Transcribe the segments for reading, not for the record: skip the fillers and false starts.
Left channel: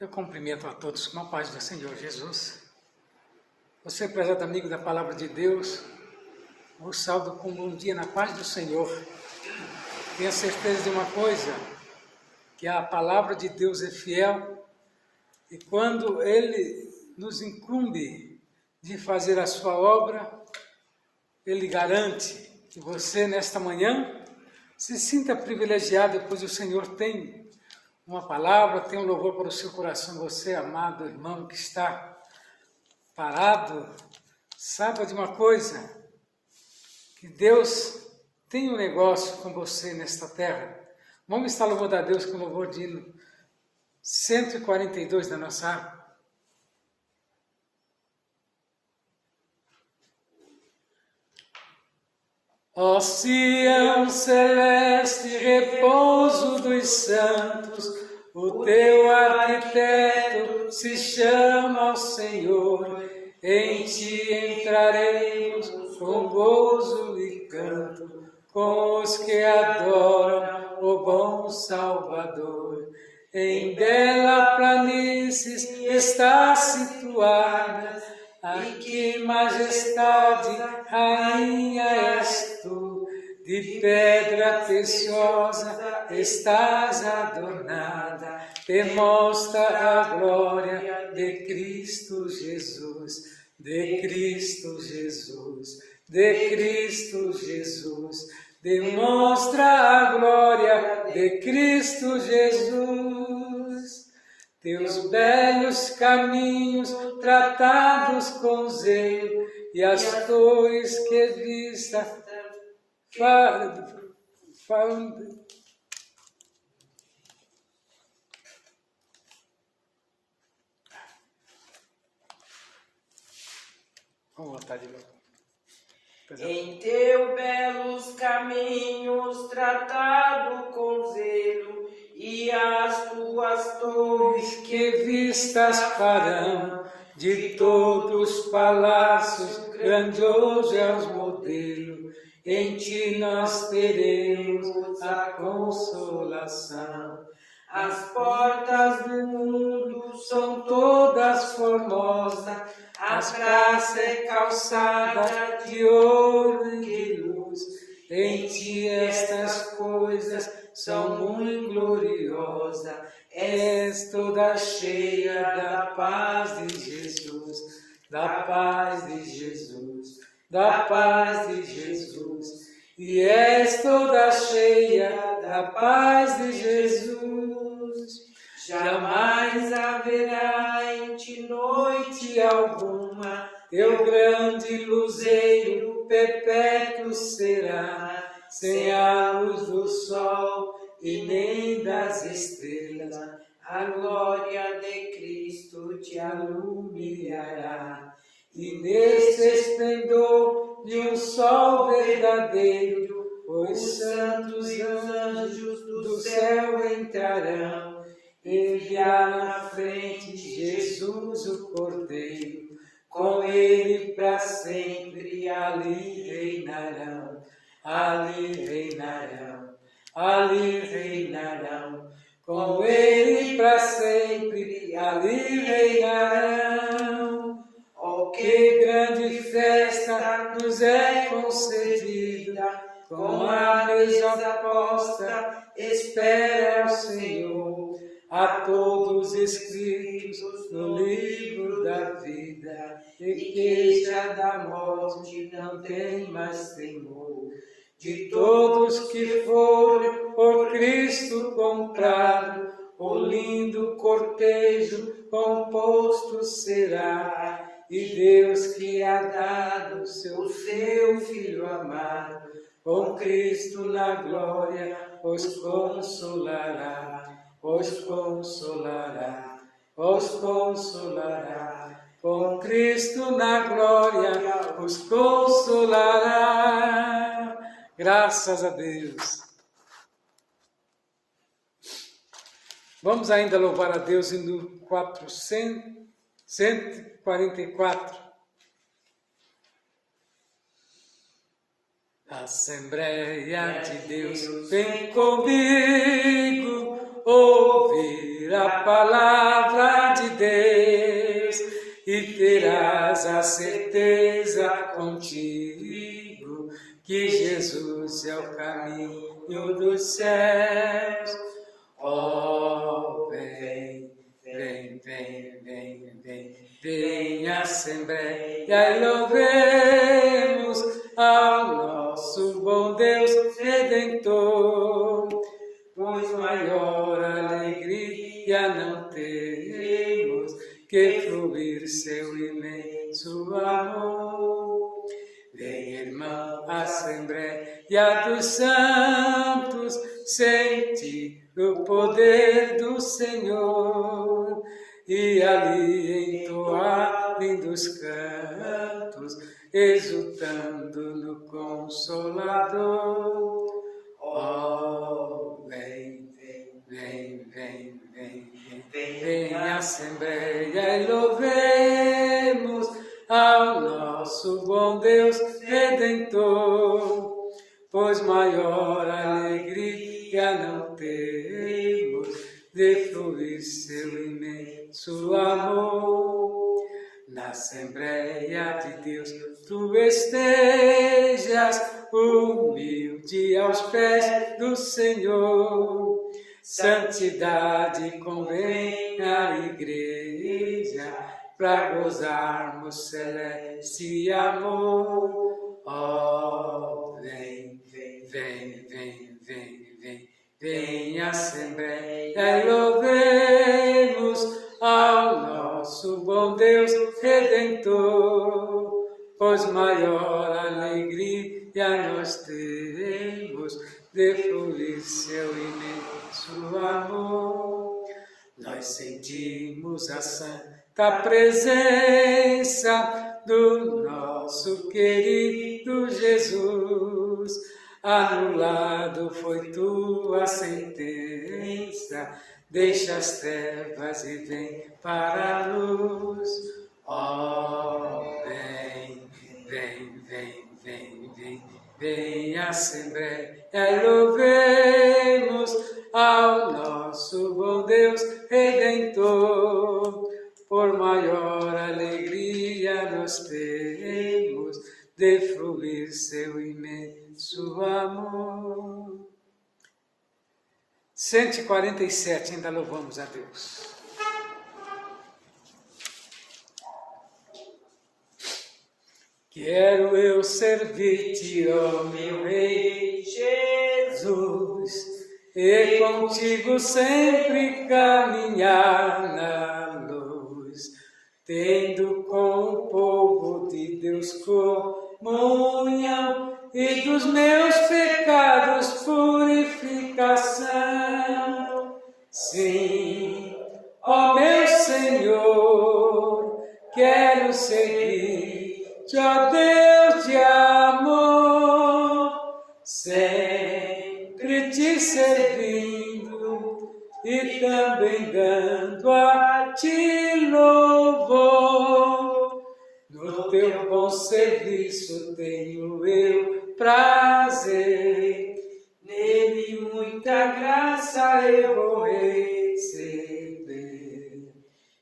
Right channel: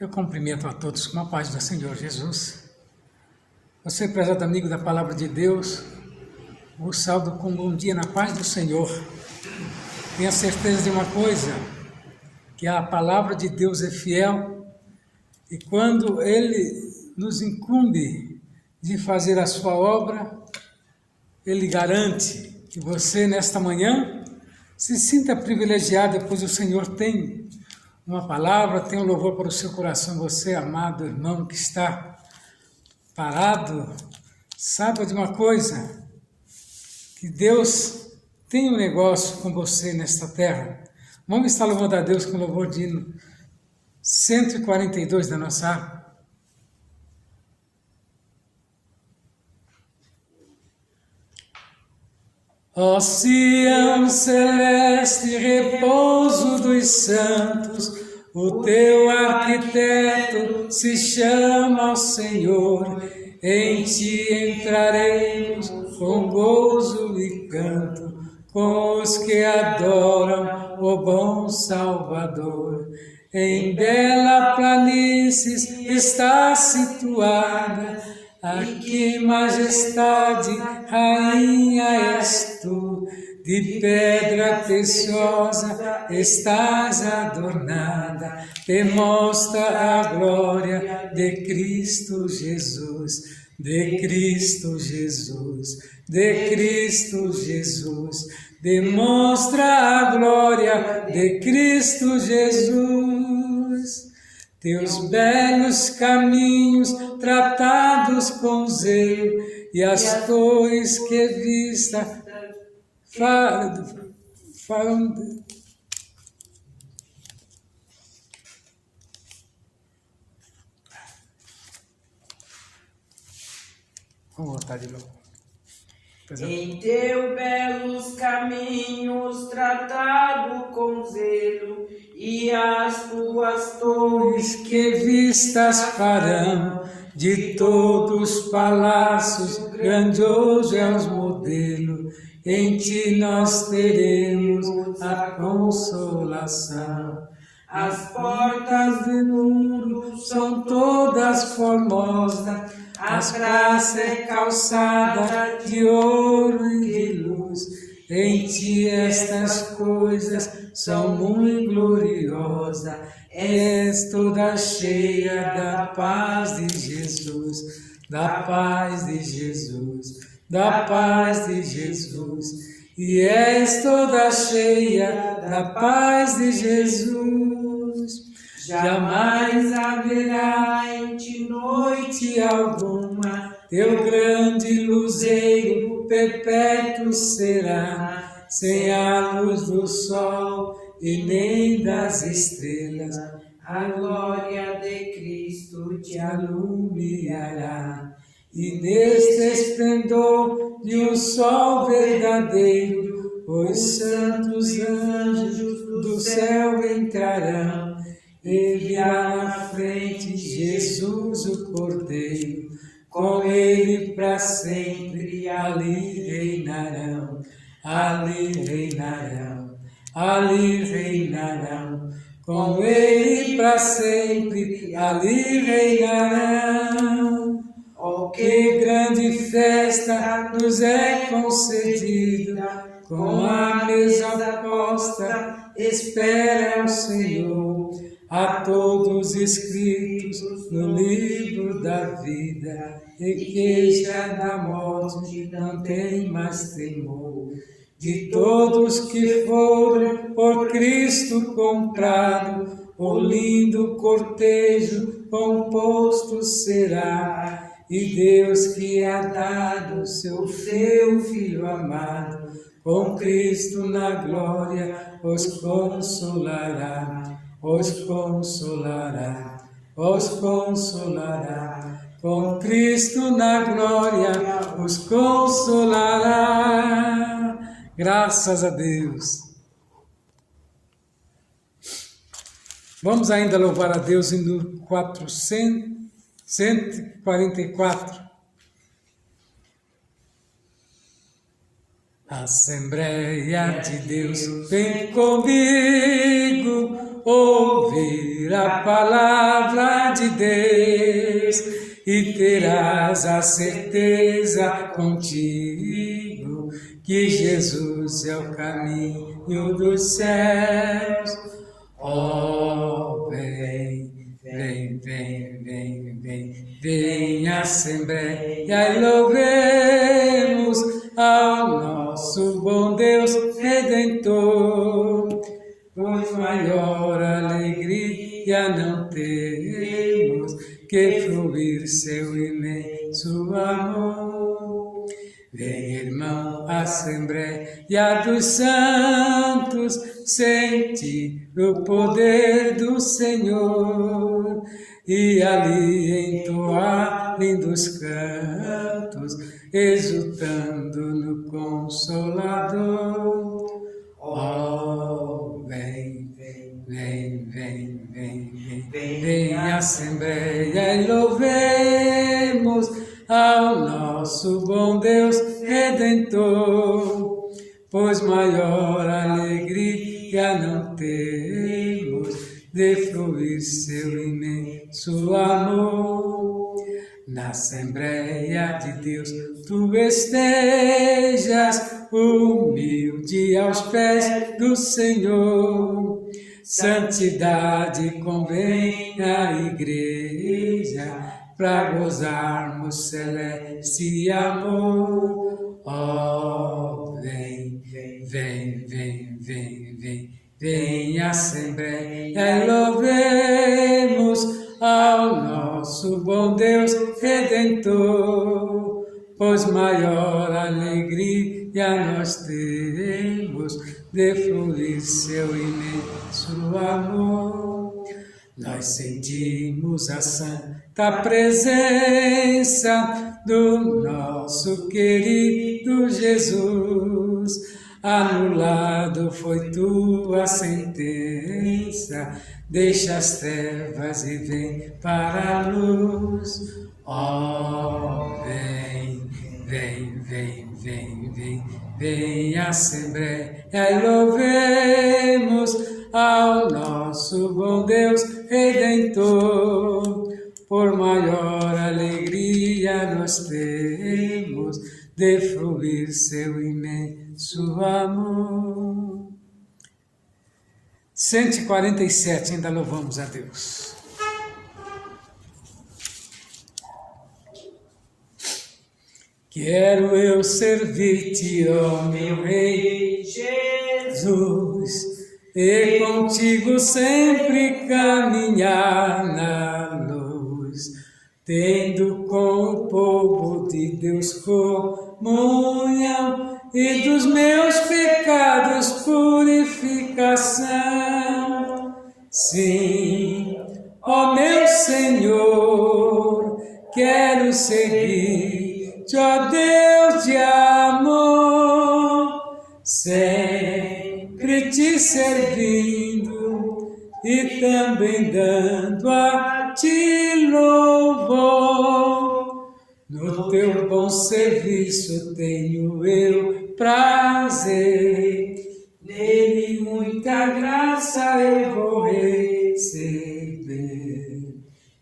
Eu cumprimento a todos com a paz do Senhor Jesus. Você, prezado amigo da Palavra de Deus, vos saúdo com um bom dia na paz do Senhor. Tenha certeza de uma coisa, que a Palavra de Deus é fiel e quando Ele nos incumbe de fazer a sua obra, Ele garante que você, nesta manhã, se sinta privilegiado, pois o Senhor tem uma palavra, tem um louvor para o seu coração. Você, amado irmão que está parado, saiba de uma coisa, que Deus tem um negócio com você nesta terra. Vamos estar louvando a Deus com o louvor de hino 142 da nossa harpa. Ó Sião celeste, repouso dos santos, o teu arquiteto se chama ao Senhor. Em ti entraremos com gozo e canto, com os que adoram o bom Salvador. Em bela planície está situada, ai que majestade, rainha és tu, de pedra preciosa estás adornada, demonstra a glória de Cristo Jesus, de Cristo Jesus, de Cristo Jesus, demonstra a glória de Cristo Jesus. Teus belos caminhos tratados com zelo, e as torres que vista Vou voltar de novo. Em teus belos caminhos tratado com zelo, e as tuas torres que vistas farão, de todos os palácios, grandioso é o modelo, em ti nós teremos a consolação. As portas do mundo são todas formosas, a praça é calçada de ouro e de luz. Em ti estas coisas são muito gloriosas, és toda cheia da paz de Jesus, da paz de Jesus, da paz de Jesus. E és toda cheia da paz de Jesus. Jamais haverá em ti noite alguma, teu grande luzeiro perpétuo será, sem a luz do sol e nem das estrelas, a glória de Cristo te alumiará. E neste esplendor de um sol verdadeiro, os santos anjos do céu entrarão, enviar na frente Jesus o Cordeiro, com ele para sempre ali reinarão, ali reinarão, ali reinarão, com ele para sempre ali reinarão. Oh, que grande festa nos é concedida, com a mesa posta, espera o Senhor, a todos escritos no livro da vida, e que já da morte não tem mais temor. De todos que foram por Cristo comprados, o lindo cortejo composto será, e Deus que há dado seu Filho amado, com Cristo na glória os consolará, os consolará, os consolará. Com Cristo na glória os consolará. Graças a Deus. Vamos ainda louvar a Deus no 144. Assembleia de Deus, vem comigo ouvir a palavra Deus e terás a certeza contigo que Jesus é o caminho dos céus. Oh, vem, vem, vem, vem, vem, vem Assembleia e louvemos ao nosso bom Deus Redentor, pois maior alegria não temos que fluir seu imenso amor. Vem, irmão, Assembleia dos Santos, sente o poder do Senhor, e ali entoar lindos cantos, exultando no Consolador. Oh, vem, vem, vem, vem, vem, vem, vem Assembleia e louvemos ao nosso bom Deus Redentor, pois maior alegria não temos de fluir seu imenso amor. Na Assembleia de Deus tu estejas humilde aos pés do Senhor. Santidade convém à igreja para gozarmos celeste amor. Oh, vem, vem, vem, vem, vem, vem, vem Assembleia e louvemos ao nosso bom Deus Redentor, pois maior alegria nós temos de fluir seu imenso amor. Nós sentimos a santa presença do nosso querido Jesus. Anulado foi tua sentença, deixa as trevas e vem para a luz. Oh, vem, vem, vem, vem, vem, vem Assembleia e louvemos ao nosso bom Deus Redentor, por maior alegria nós temos de fluir seu imenso amor. 147, ainda louvamos a Deus. Quero eu servir-te, ó meu Rei Jesus, e contigo sempre caminhar na luz, tendo com o povo de Deus comunhão e dos meus pecados purificação. Sim, ó meu Senhor, quero seguir-te, ó Deus de amor, sempre te servindo e também dando a ti louvor. No teu bom serviço tenho eu prazer, nele muita graça eu vou receber.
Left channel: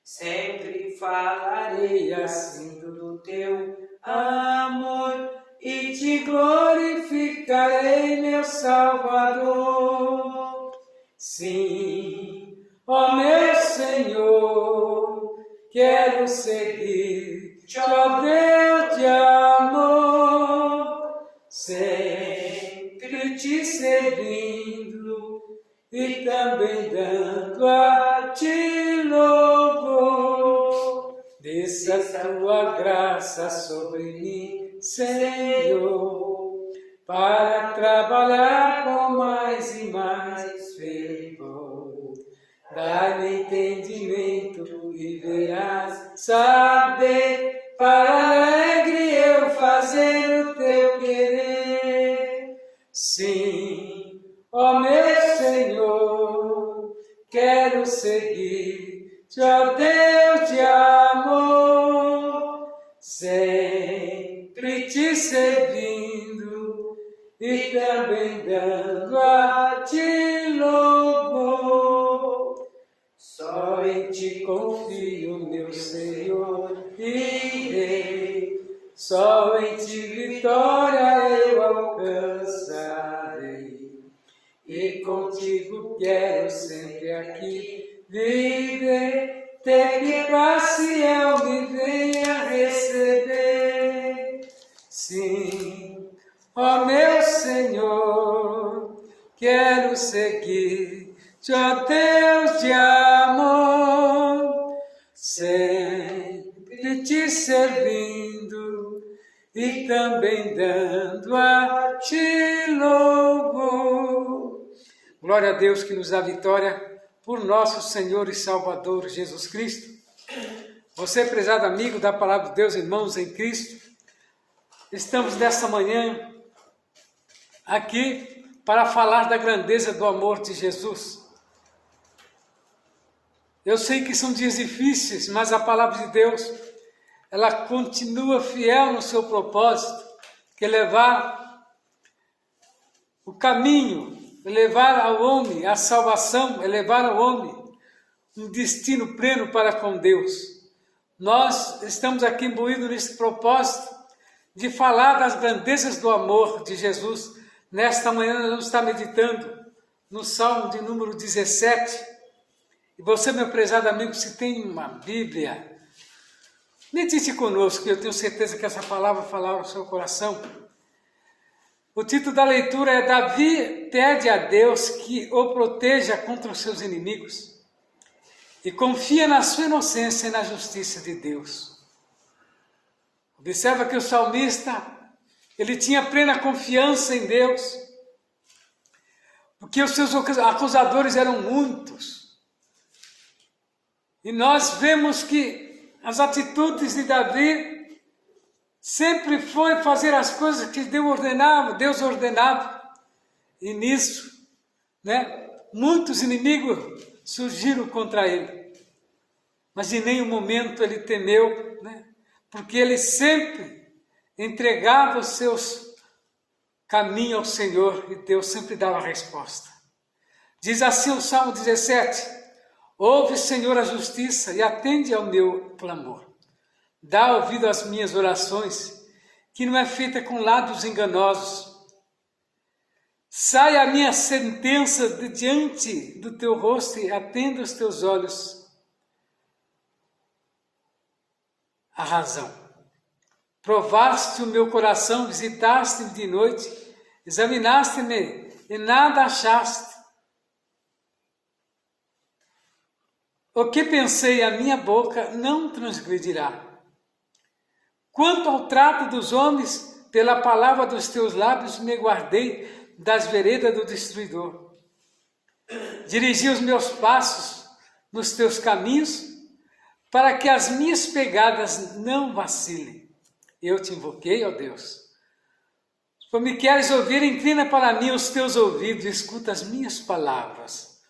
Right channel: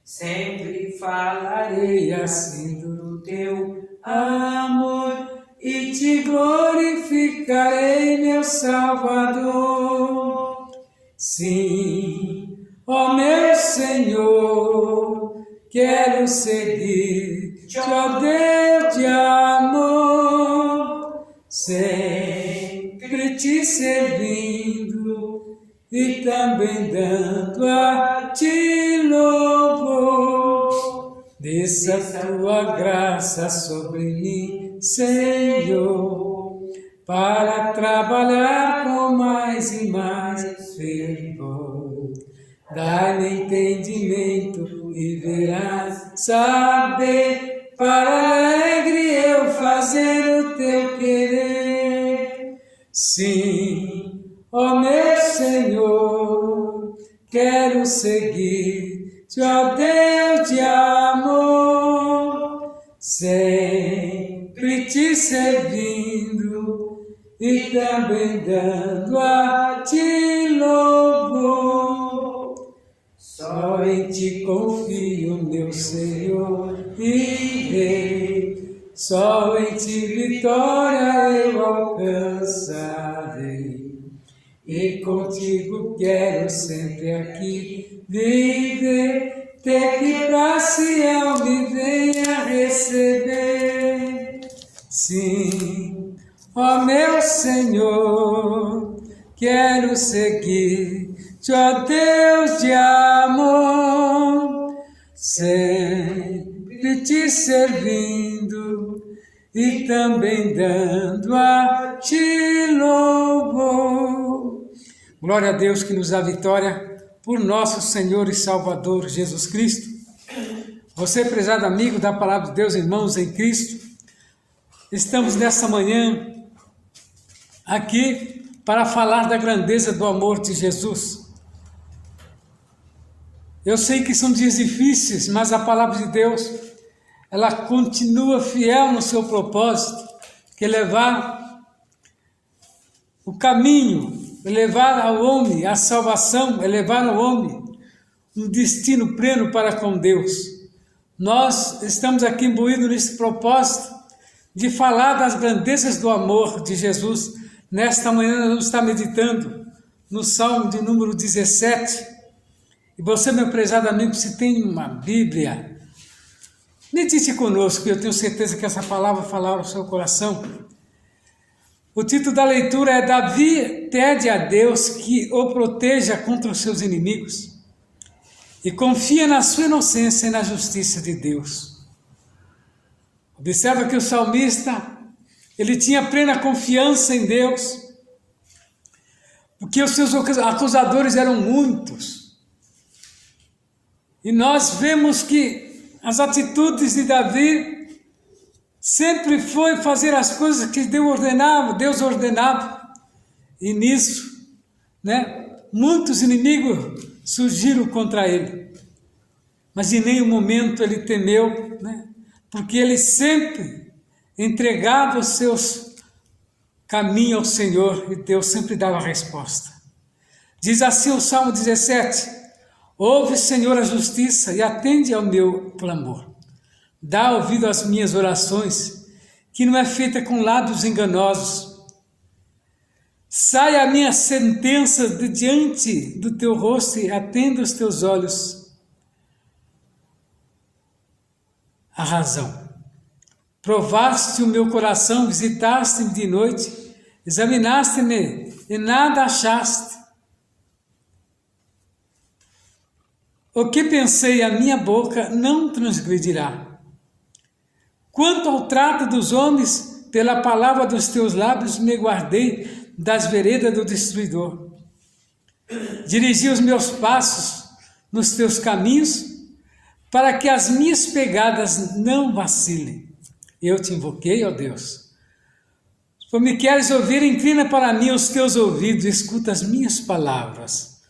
Sempre falarei assim do teu amor e te glorificarei, meu Salvador. Sim, ó meu Senhor, quero seguir-te, ó Deus de amor, sempre te servindo e também dando a ti louvor. Desça a tua graça sobre mim, Senhor, para trabalhar com mais e mais fervor. Dá-lhe entendimento e verás saber, para alegre eu fazer o teu querer. Sim, ó meu Senhor, quero seguir-te, ó Deus de amor, sempre te servindo e também dando a ti louvor. Só em ti ti confio, meu Senhor, irei, só em ti vitória eu alcançarei, e contigo quero sempre aqui viver, até que pra Sião me venha receber. Sim, ó meu Senhor, quero seguir-te, ó Deus de amor, sempre te servindo e também dando a ti louvor. Glória a Deus que nos dá vitória por nosso Senhor e Salvador Jesus Cristo. Você, prezado amigo da Palavra de Deus, irmãos em Cristo, estamos nesta manhã aqui para falar da grandeza do amor de Jesus. Eu sei que são dias difíceis, mas a Palavra de Deus, ela continua fiel no seu propósito, que é levar o caminho, é levar ao homem a salvação, é levar ao homem um destino pleno para com Deus. Nós estamos aqui imbuídos nesse propósito de falar das grandezas do amor de Jesus. Nesta manhã nós vamos estar meditando no Salmo de número 17. E você, meu prezado amigo, se tem uma Bíblia, medite conosco, eu tenho certeza que essa palavra falará ao seu coração. O título da leitura é Davi pede a Deus que o proteja contra os seus inimigos e confia na sua inocência e na justiça de Deus. Observa que o salmista, ele tinha plena confiança em Deus, porque os seus acusadores eram muitos. E nós vemos que as atitudes de Davi sempre foi fazer as coisas que Deus ordenava. E nisso, muitos inimigos surgiram contra ele. Mas em nenhum momento ele temeu, porque ele sempre entregava os seus caminhos ao Senhor e Deus sempre dava a resposta. Diz assim o Salmo 17: ouve, Senhor, a justiça e atende ao meu clamor. Dá ouvido às minhas orações, que não é feita com lábios enganosos. Sai a minha sentença de diante do teu rosto e atenda os teus olhos a razão. Provaste o meu coração, visitaste-me de noite, examinaste-me e nada achaste. O que pensei, a minha boca não transgredirá. Quanto ao trato dos homens, pela palavra dos teus lábios me guardei das veredas do destruidor. Dirigi os meus passos nos teus caminhos, para que as minhas pegadas não vacilem. Eu te invoquei, ó Deus. Se me queres ouvir, inclina para mim os teus ouvidos, escuta as minhas palavras.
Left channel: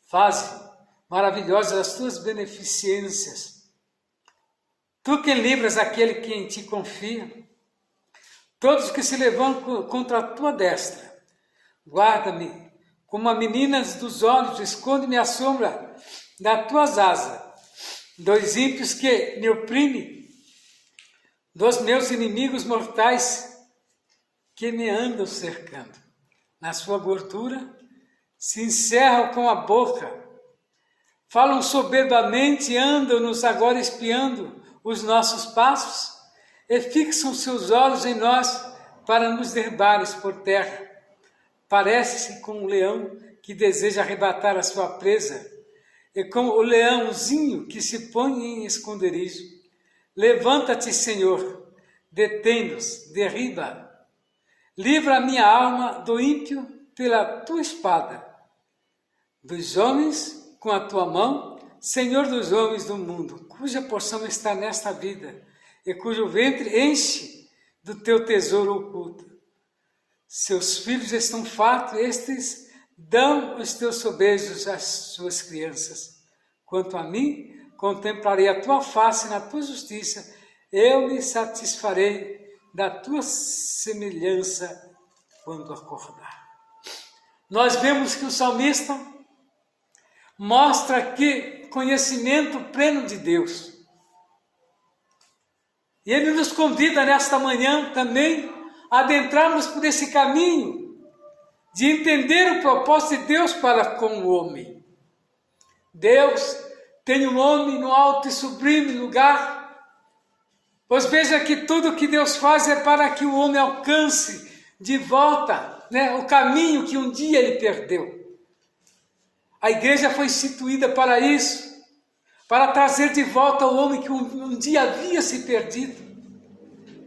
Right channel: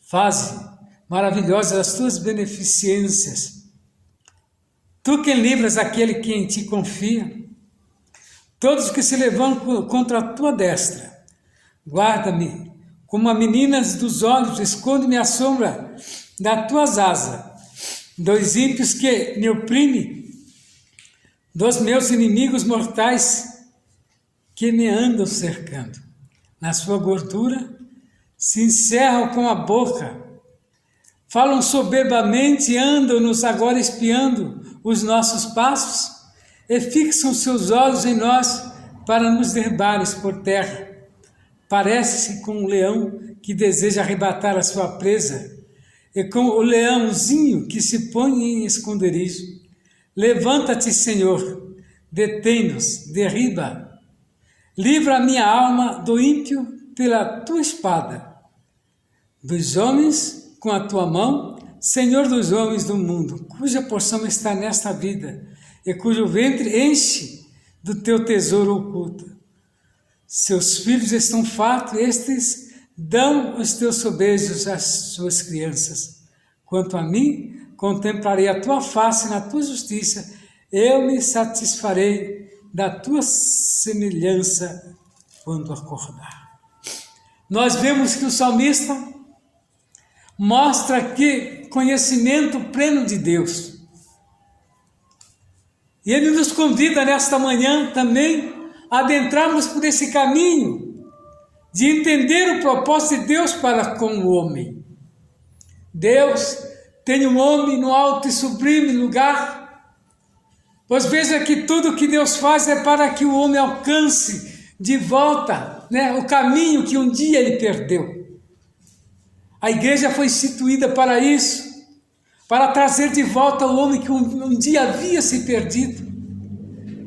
Faze maravilhosas as tuas beneficências. Tu que livras aquele que em ti confia, todos que se levantam contra a tua destra. Guarda-me como a menina dos olhos, esconde-me à sombra das tuas asas. Dos ímpios que me oprimem, dos meus inimigos mortais que me andam cercando. Na sua gordura se encerram com a boca, falam soberbamente, andam-nos agora espiando os nossos passos e fixam seus olhos em nós para nos derrubares por terra. Parece-se com um leão que deseja arrebatar a sua presa e com o leãozinho que se põe em esconderijo. Levanta-te, Senhor, detém-nos, derriba. Livra a minha alma do ímpio pela tua espada, dos homens com a tua mão, Senhor dos homens do mundo, cuja porção está nesta vida e cujo ventre enche do teu tesouro oculto. Seus filhos estão fartos, estes dão os teus sobejos às suas crianças. Quanto a mim, contemplarei a tua face na tua justiça, eu me satisfarei da tua semelhança quando acordar. Nós vemos que o salmista mostra que conhecimento pleno de Deus. E Ele nos convida nesta manhã também a adentrarmos por esse caminho de entender o propósito de Deus para com o homem. Deus tem o homem no alto e sublime lugar, pois veja que tudo que Deus faz é para que o homem alcance de volta, o caminho que um dia ele perdeu. A igreja foi instituída para isso, para trazer de volta o homem que um dia havia se perdido.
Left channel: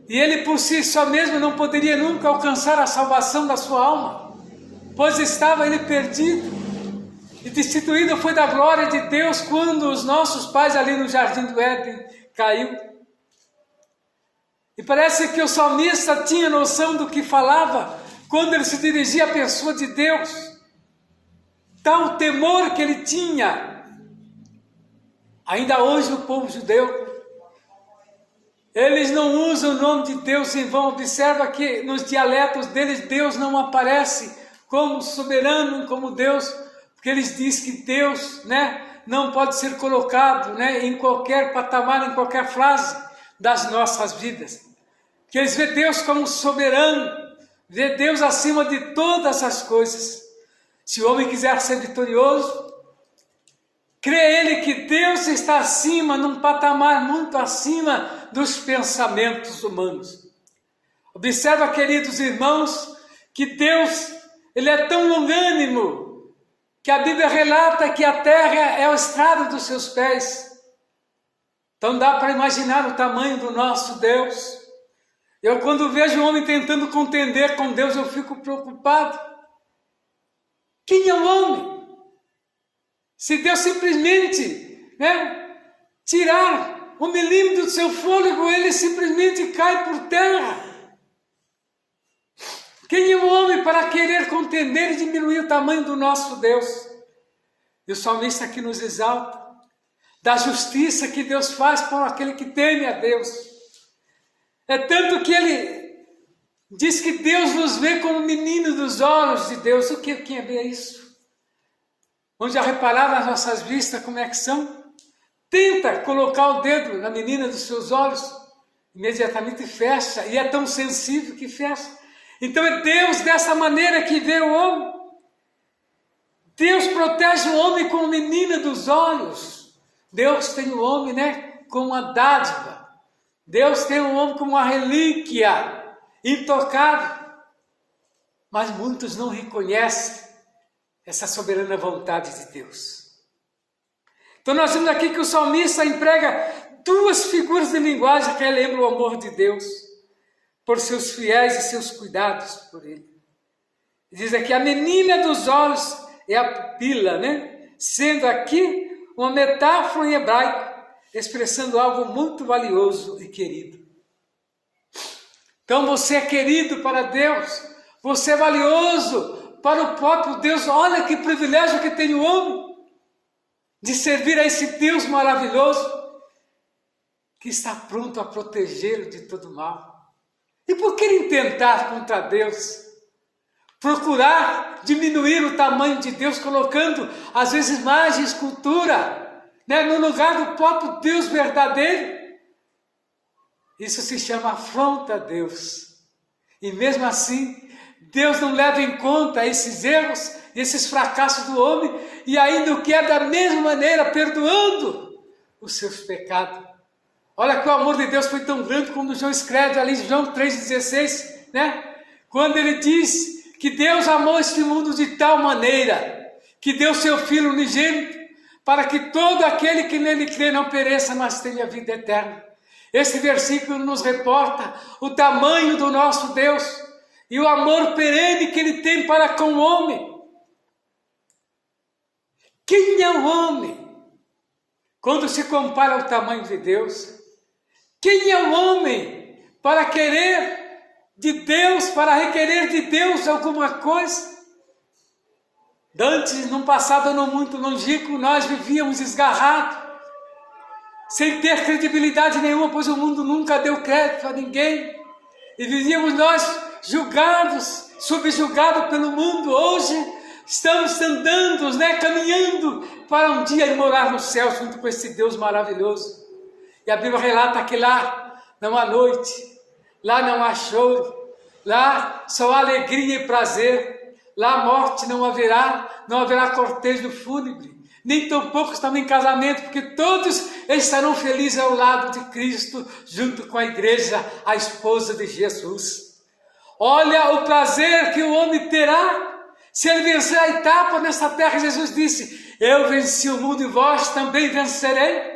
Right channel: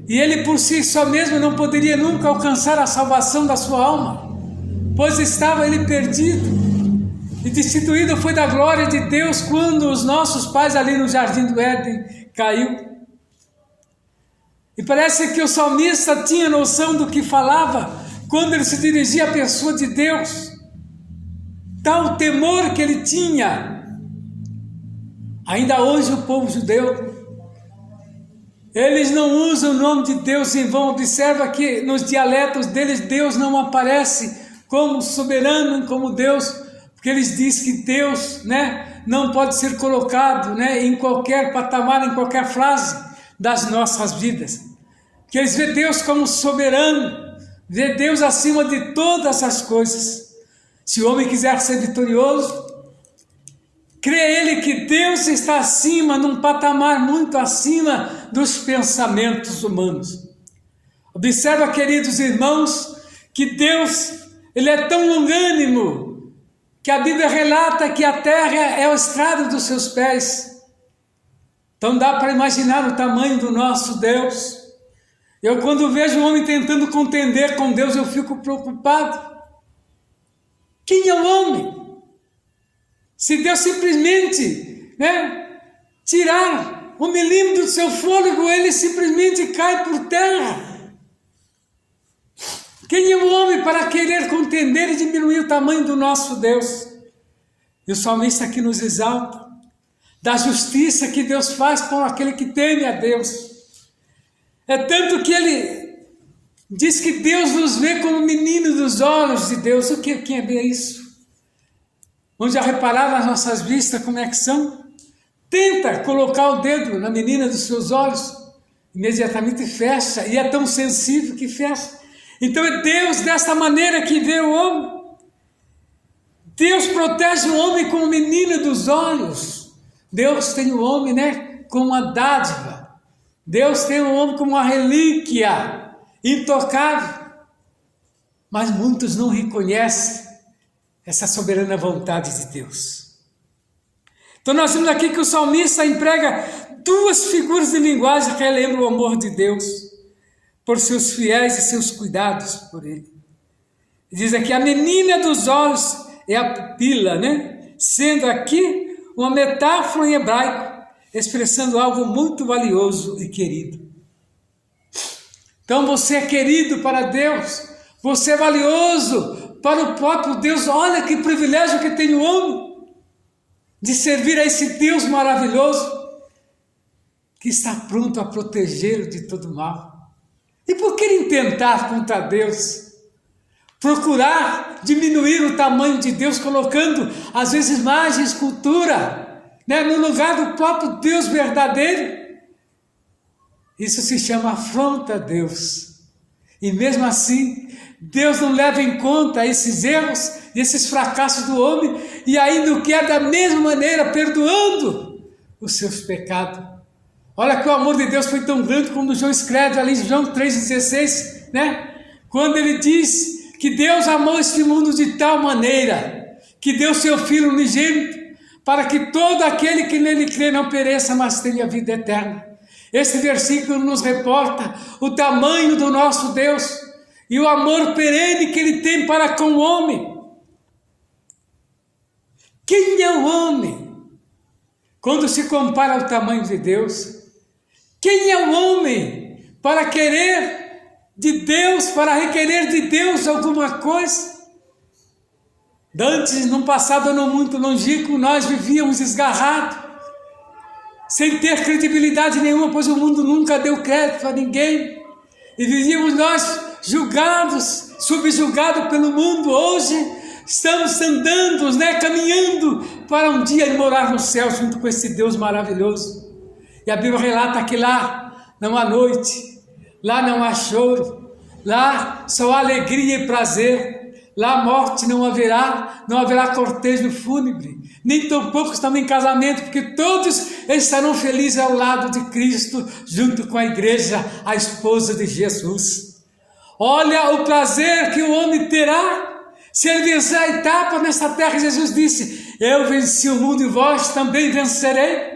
E ele por si só mesmo não poderia nunca alcançar a salvação da sua alma, pois estava ele perdido. E destituído foi da glória de Deus quando os nossos pais ali no Jardim do Éden caiu. E parece que o salmista tinha noção do que falava quando ele se dirigia à pessoa de Deus. Tal temor que ele tinha. Ainda hoje o povo judeu, eles não usam o nome de Deus em vão. Observa que nos dialetos deles Deus não aparece como soberano, como Deus, porque eles dizem que Deus, não pode ser colocado, em qualquer patamar, em qualquer frase das nossas vidas. Que eles vê Deus como soberano, vê Deus acima de todas as coisas. Se o homem quiser ser vitorioso, crê ele que Deus está acima, num patamar muito acima dos pensamentos humanos. Observa, queridos irmãos, que Deus, Ele é tão longânimo, que a Bíblia relata que a terra é o estrado dos seus pés. Então dá para imaginar o tamanho do nosso Deus. Eu quando vejo um homem tentando contender com Deus, eu fico preocupado. Quem é o homem? Se Deus simplesmente tirar 1 milímetro do seu fôlego, ele simplesmente cai por terra. Quem é o homem para querer contender e diminuir o tamanho do nosso Deus? E o salmista aqui nos exalta da justiça que Deus faz por aquele que teme a Deus. É tanto que ele diz que Deus nos vê como menino dos olhos de Deus. O que é ver isso? Vamos já reparar nas nossas vistas como é que são? Tenta colocar o dedo na menina dos seus olhos, imediatamente fecha, e é tão sensível que fecha. Então é Deus dessa maneira que vê o homem. Deus protege o homem como menina dos olhos. Deus tem o homem, como uma dádiva. Deus tem o homem como uma relíquia intocável. Mas muitos não reconhecem essa soberana vontade de Deus. Então nós vemos aqui que o salmista emprega duas figuras de linguagem que lembram o amor de Deus por seus fiéis e seus cuidados por ele. Diz aqui, a menina dos olhos é a pupila, sendo aqui uma metáfora em hebraico, expressando algo muito valioso e querido. Então você é querido para Deus, você é valioso para o próprio Deus. Olha que privilégio que tem o homem de servir a esse Deus maravilhoso que está pronto a protegê-lo de todo mal. E por que intentar contra Deus? Procurar diminuir o tamanho de Deus, colocando às vezes imagem, escultura, no lugar do próprio Deus verdadeiro. Isso se chama afronta a Deus. E mesmo assim, Deus não leva em conta esses erros, esses fracassos do homem, e ainda o quer da mesma maneira, perdoando os seus pecados. Olha que o amor de Deus foi tão grande como João escreve ali em João 3,16, quando ele diz que Deus amou este mundo de tal maneira, que deu seu Filho unigênito, para que todo aquele que nele crê não pereça, mas tenha vida eterna. Esse versículo nos reporta o tamanho do nosso Deus e o amor perene que Ele tem para com o homem. Quem é o homem quando se compara ao tamanho de Deus? Quem é o homem para querer de Deus, para requerer de Deus alguma coisa? Antes, num passado não muito longínquo, nós vivíamos esgarrados, sem ter credibilidade nenhuma, pois o mundo nunca deu crédito a ninguém. E vivíamos nós julgados, subjugados pelo mundo. Hoje, Estamos andando, né, caminhando para um dia morar no céu junto com esse Deus maravilhoso. E a Bíblia relata que lá não há noite, lá não há choro, lá só há alegria e prazer, lá a morte não haverá cortejo fúnebre, nem tampouco estão em casamento, porque todos estarão felizes ao lado de Cristo, junto com a igreja, a esposa de Jesus. Olha o prazer que o homem terá se ele vencer a etapa nesta terra. Jesus disse: eu venci o mundo e vós também vencerei.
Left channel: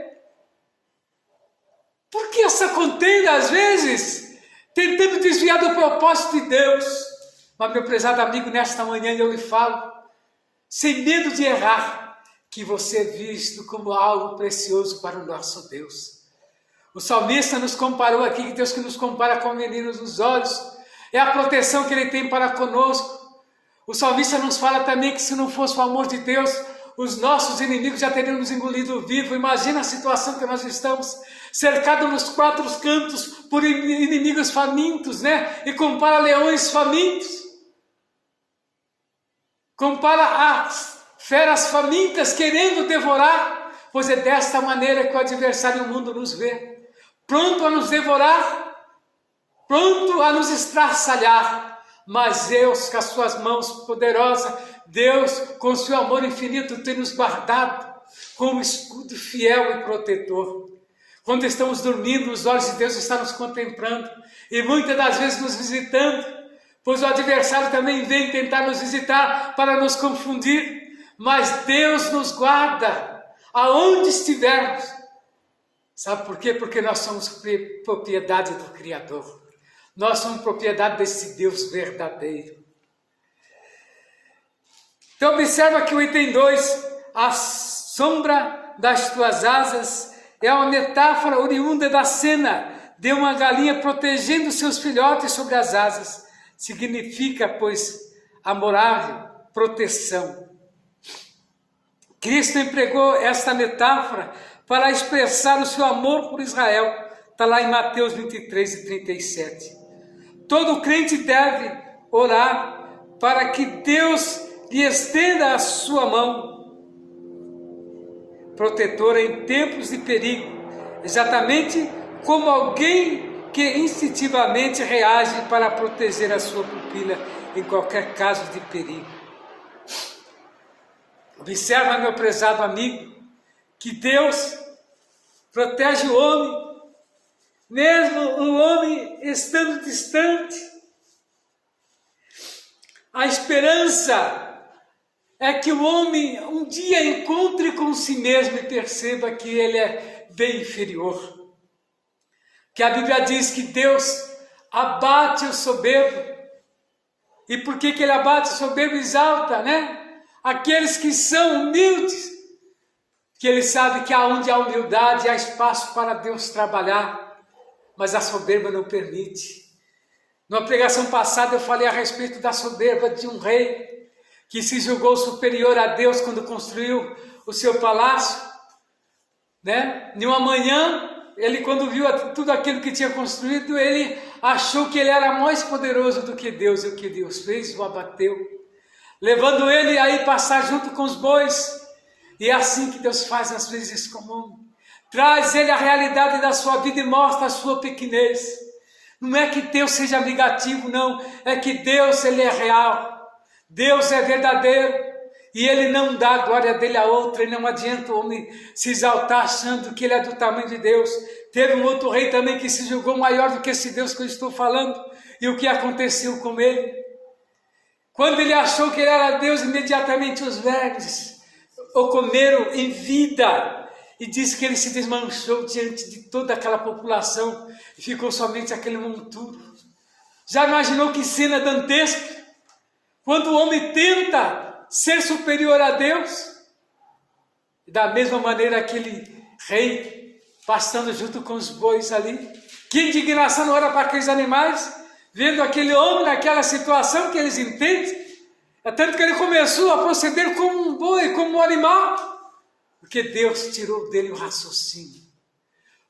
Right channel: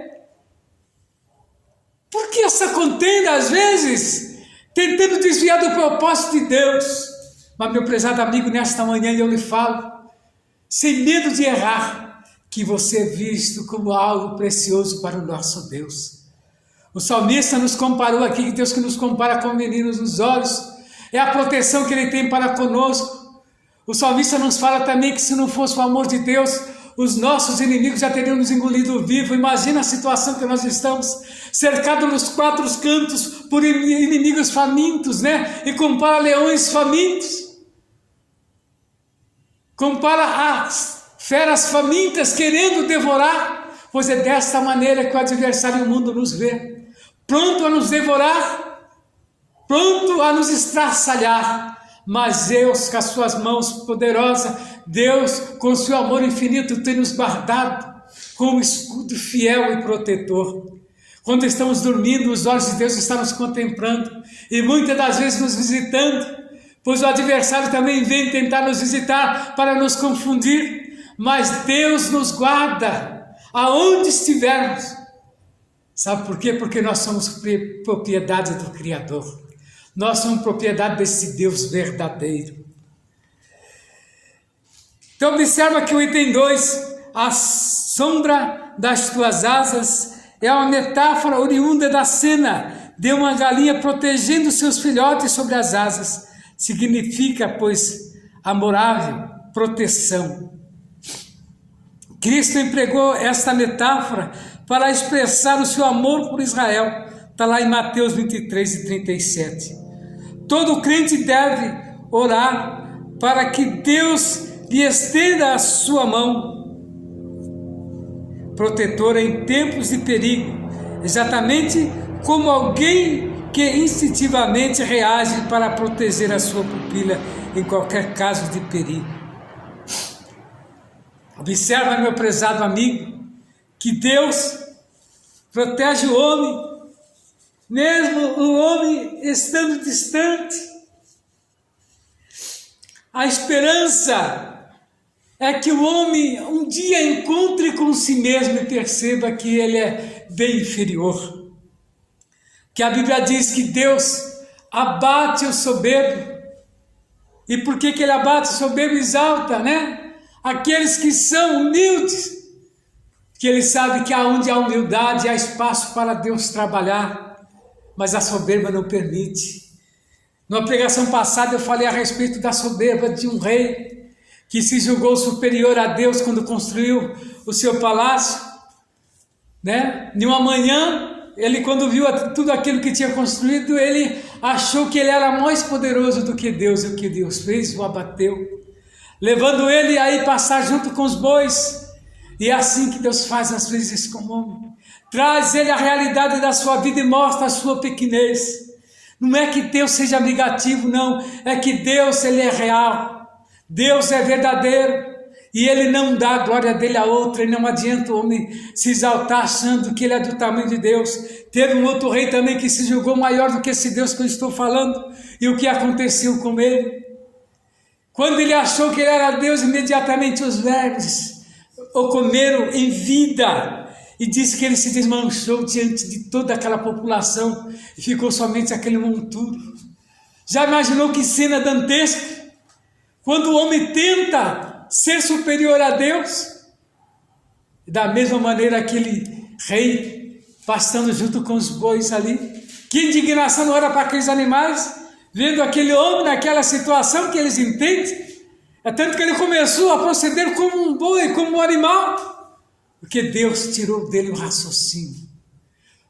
Por que essa contenda às vezes, tentando desviar do propósito de Deus? Mas meu prezado amigo, nesta manhã eu lhe falo, sem medo de errar, que você é visto como algo precioso para o nosso Deus. O salmista nos comparou aqui, que Deus que nos compara com meninos nos olhos, é a proteção que Ele tem para conosco. O salmista nos fala também que se não fosse o amor de Deus, os nossos inimigos já teriam nos engolido vivo. Imagina a situação que nós estamos, cercados nos quatro cantos por inimigos famintos, né? E compara leões famintos, compara as feras famintas querendo devorar, pois é desta maneira que o adversário do mundo nos vê, pronto a nos devorar, pronto a nos estraçalhar. Mas Deus, com as suas mãos poderosas, Deus, com o seu amor infinito, tem nos guardado como escudo fiel e protetor. Quando estamos dormindo, os olhos de Deus estão nos contemplando e muitas das vezes nos visitando, pois o adversário também vem tentar nos visitar para nos confundir, mas Deus nos guarda aonde estivermos. Sabe por quê? Porque nós somos propriedade do Criador. Nós somos propriedade desse Deus verdadeiro. Então observa que o item 2, a sombra das tuas asas, é uma metáfora oriunda da cena de uma galinha protegendo seus filhotes sobre as asas. Significa, pois, amorável, proteção. Cristo empregou esta metáfora para expressar o seu amor por Israel. Está lá em Mateus 23 e 37. Todo crente deve orar para que Deus lhe estenda a sua mão protetora em tempos de perigo, exatamente como alguém que instintivamente reage para proteger a sua pupila em qualquer caso de perigo. Observa, meu prezado amigo, que Deus protege o homem, mesmo o homem estando distante. A esperança é que o homem um dia encontre com si mesmo e perceba que ele é bem inferior. Que a Bíblia diz que Deus abate o soberbo. E por que ele abate o soberbo? Exalta, né? Aqueles que são humildes. Que ele sabe que aonde há humildade há espaço para Deus trabalhar. Mas a soberba não permite. Numa pregação passada eu falei a respeito da soberba de um rei que se julgou superior a Deus quando construiu o seu palácio, né? Em uma manhã, ele quando viu tudo aquilo que tinha construído, ele achou que ele era mais poderoso do que Deus, e o que Deus fez o abateu, levando ele a ir passar junto com os bois. E é assim que Deus faz às vezes com o homem. Traz ele a realidade da sua vida e mostra a sua pequenez. Não é que Deus seja negativo, não. É que Deus, ele é real. Deus é verdadeiro. E ele não dá a glória dele a outra. E não adianta o homem se exaltar achando que ele é do tamanho de Deus. Teve um outro rei também que se julgou maior do que esse Deus que eu estou falando. E o que aconteceu com ele? Quando ele achou que ele era Deus, imediatamente os vermes o comeram em vida. E disse que ele se desmanchou diante de toda aquela população e ficou somente aquele monturo. Já imaginou que cena dantesca? Quando o homem tenta ser superior a Deus, da mesma maneira aquele rei pastando junto com os bois ali. Que indignação não era para aqueles animais, vendo aquele homem naquela situação que eles entendem. É tanto que ele começou a proceder como um boi, como um animal. Porque Deus tirou dele o raciocínio.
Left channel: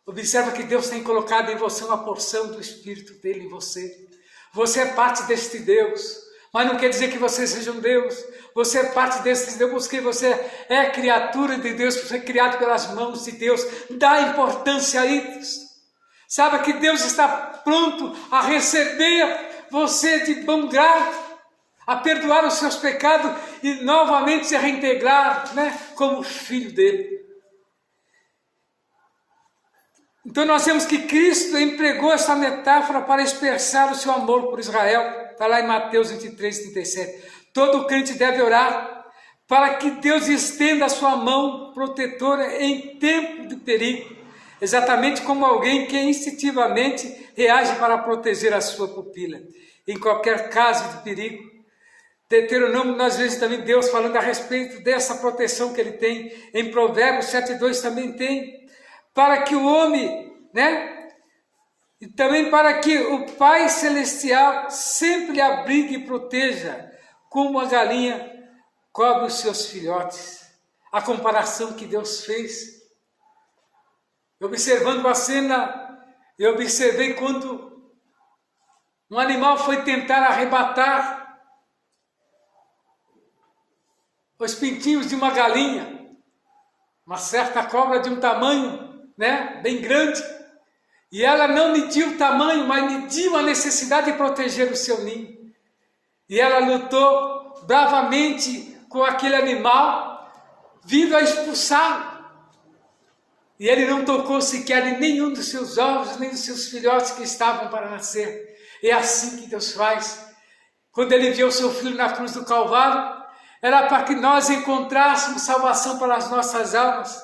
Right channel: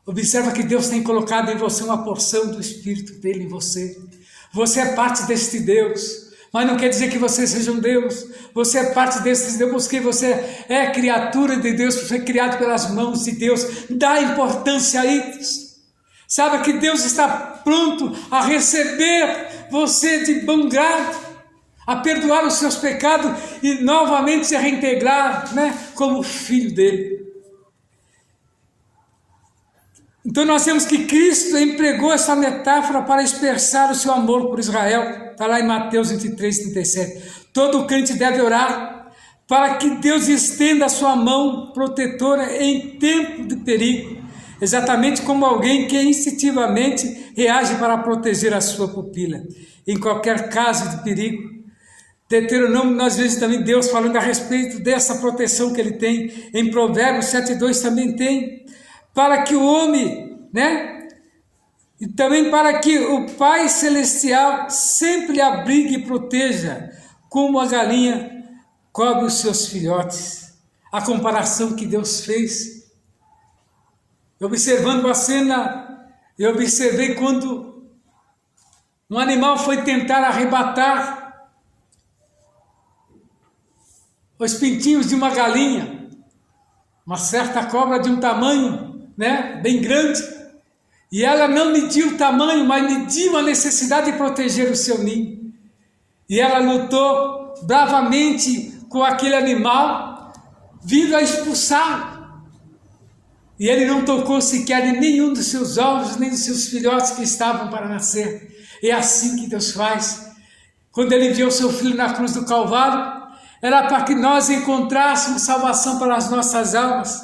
Observa que Deus tem colocado em você uma porção do Espírito dele em você. Você é parte deste Deus. Mas não quer dizer que você seja um Deus. Você é parte desse Deus, porque você é criatura de Deus, você é criado pelas mãos de Deus. Dá importância a isso. Saiba que Deus está pronto a receber você de bom grado, a perdoar os seus pecados e novamente se reintegrar, né, como filho dele. Então nós vemos que Cristo empregou essa metáfora para expressar o seu amor por Israel. Está lá em Mateus 23, 37. Todo crente deve orar para que Deus estenda a sua mão protetora em tempo de perigo, exatamente como alguém que instintivamente reage para proteger a sua pupila. Em qualquer caso de perigo, Deuteronômio, nós vemos também Deus falando a respeito dessa proteção que ele tem. Em Provérbios 7,2 também tem, para que o homem, né? E também para que o Pai Celestial sempre abrigue e proteja, como a galinha cobre os seus filhotes. A comparação que Deus fez. Observando a cena, eu observei quando um animal foi tentar arrebatar os pintinhos de uma galinha, uma certa cobra de um tamanho, né, bem grande. E ela não mediu o tamanho, mas mediu a necessidade de proteger o seu ninho. E ela lutou bravamente com aquele animal, vindo a expulsá-lo. E ele não tocou sequer em nenhum dos seus ovos, nem dos seus filhotes que estavam para nascer. É assim que Deus faz. Quando ele enviou seu filho na cruz do Calvário, era para que nós encontrássemos salvação para as nossas almas.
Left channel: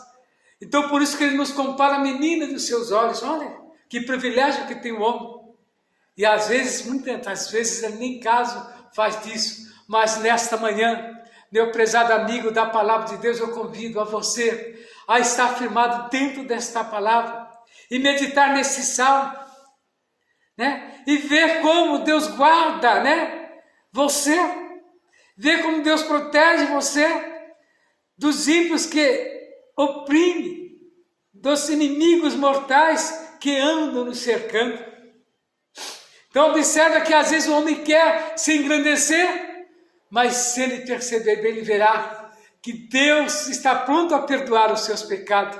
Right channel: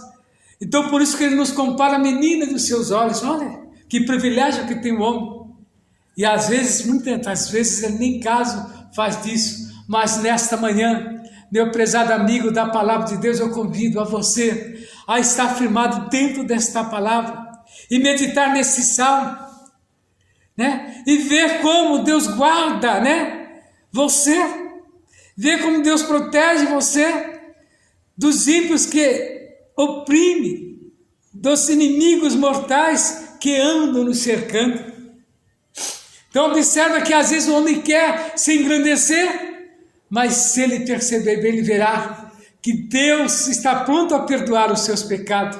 Então por isso que ele nos compara a menina dos seus olhos. Olha, que privilégio que tem o homem. E às vezes, muitas vezes, ele nem caso faz disso. Mas nesta manhã, meu prezado amigo da palavra de Deus, eu convido a você a estar firmado dentro desta palavra e meditar nesse salmo, né? E ver como Deus guarda, né, você, ver como Deus protege você dos ímpios que oprime, dos inimigos mortais que andam nos cercando. Então observa que às vezes o homem quer se engrandecer, mas se ele perceber bem, ele verá que Deus está pronto a perdoar os seus pecados.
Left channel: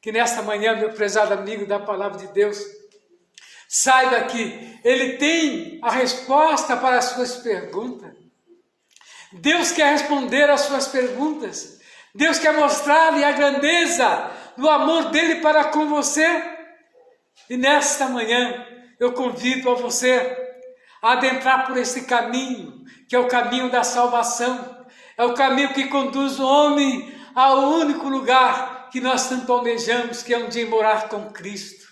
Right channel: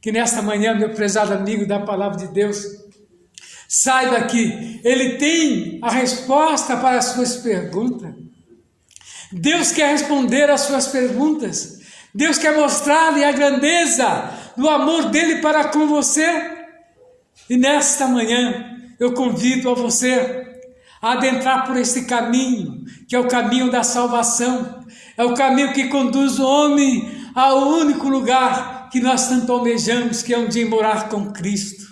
Que nesta manhã, meu prezado amigo da palavra de Deus, saiba que ele tem a resposta para as suas perguntas. Deus quer responder às suas perguntas. Deus quer mostrar-lhe a grandeza do amor dele para com você. E nesta manhã eu convido a você a adentrar por esse caminho, que é o caminho da salvação, é o caminho que conduz o homem ao único lugar que nós tanto almejamos, que é um dia morar com Cristo.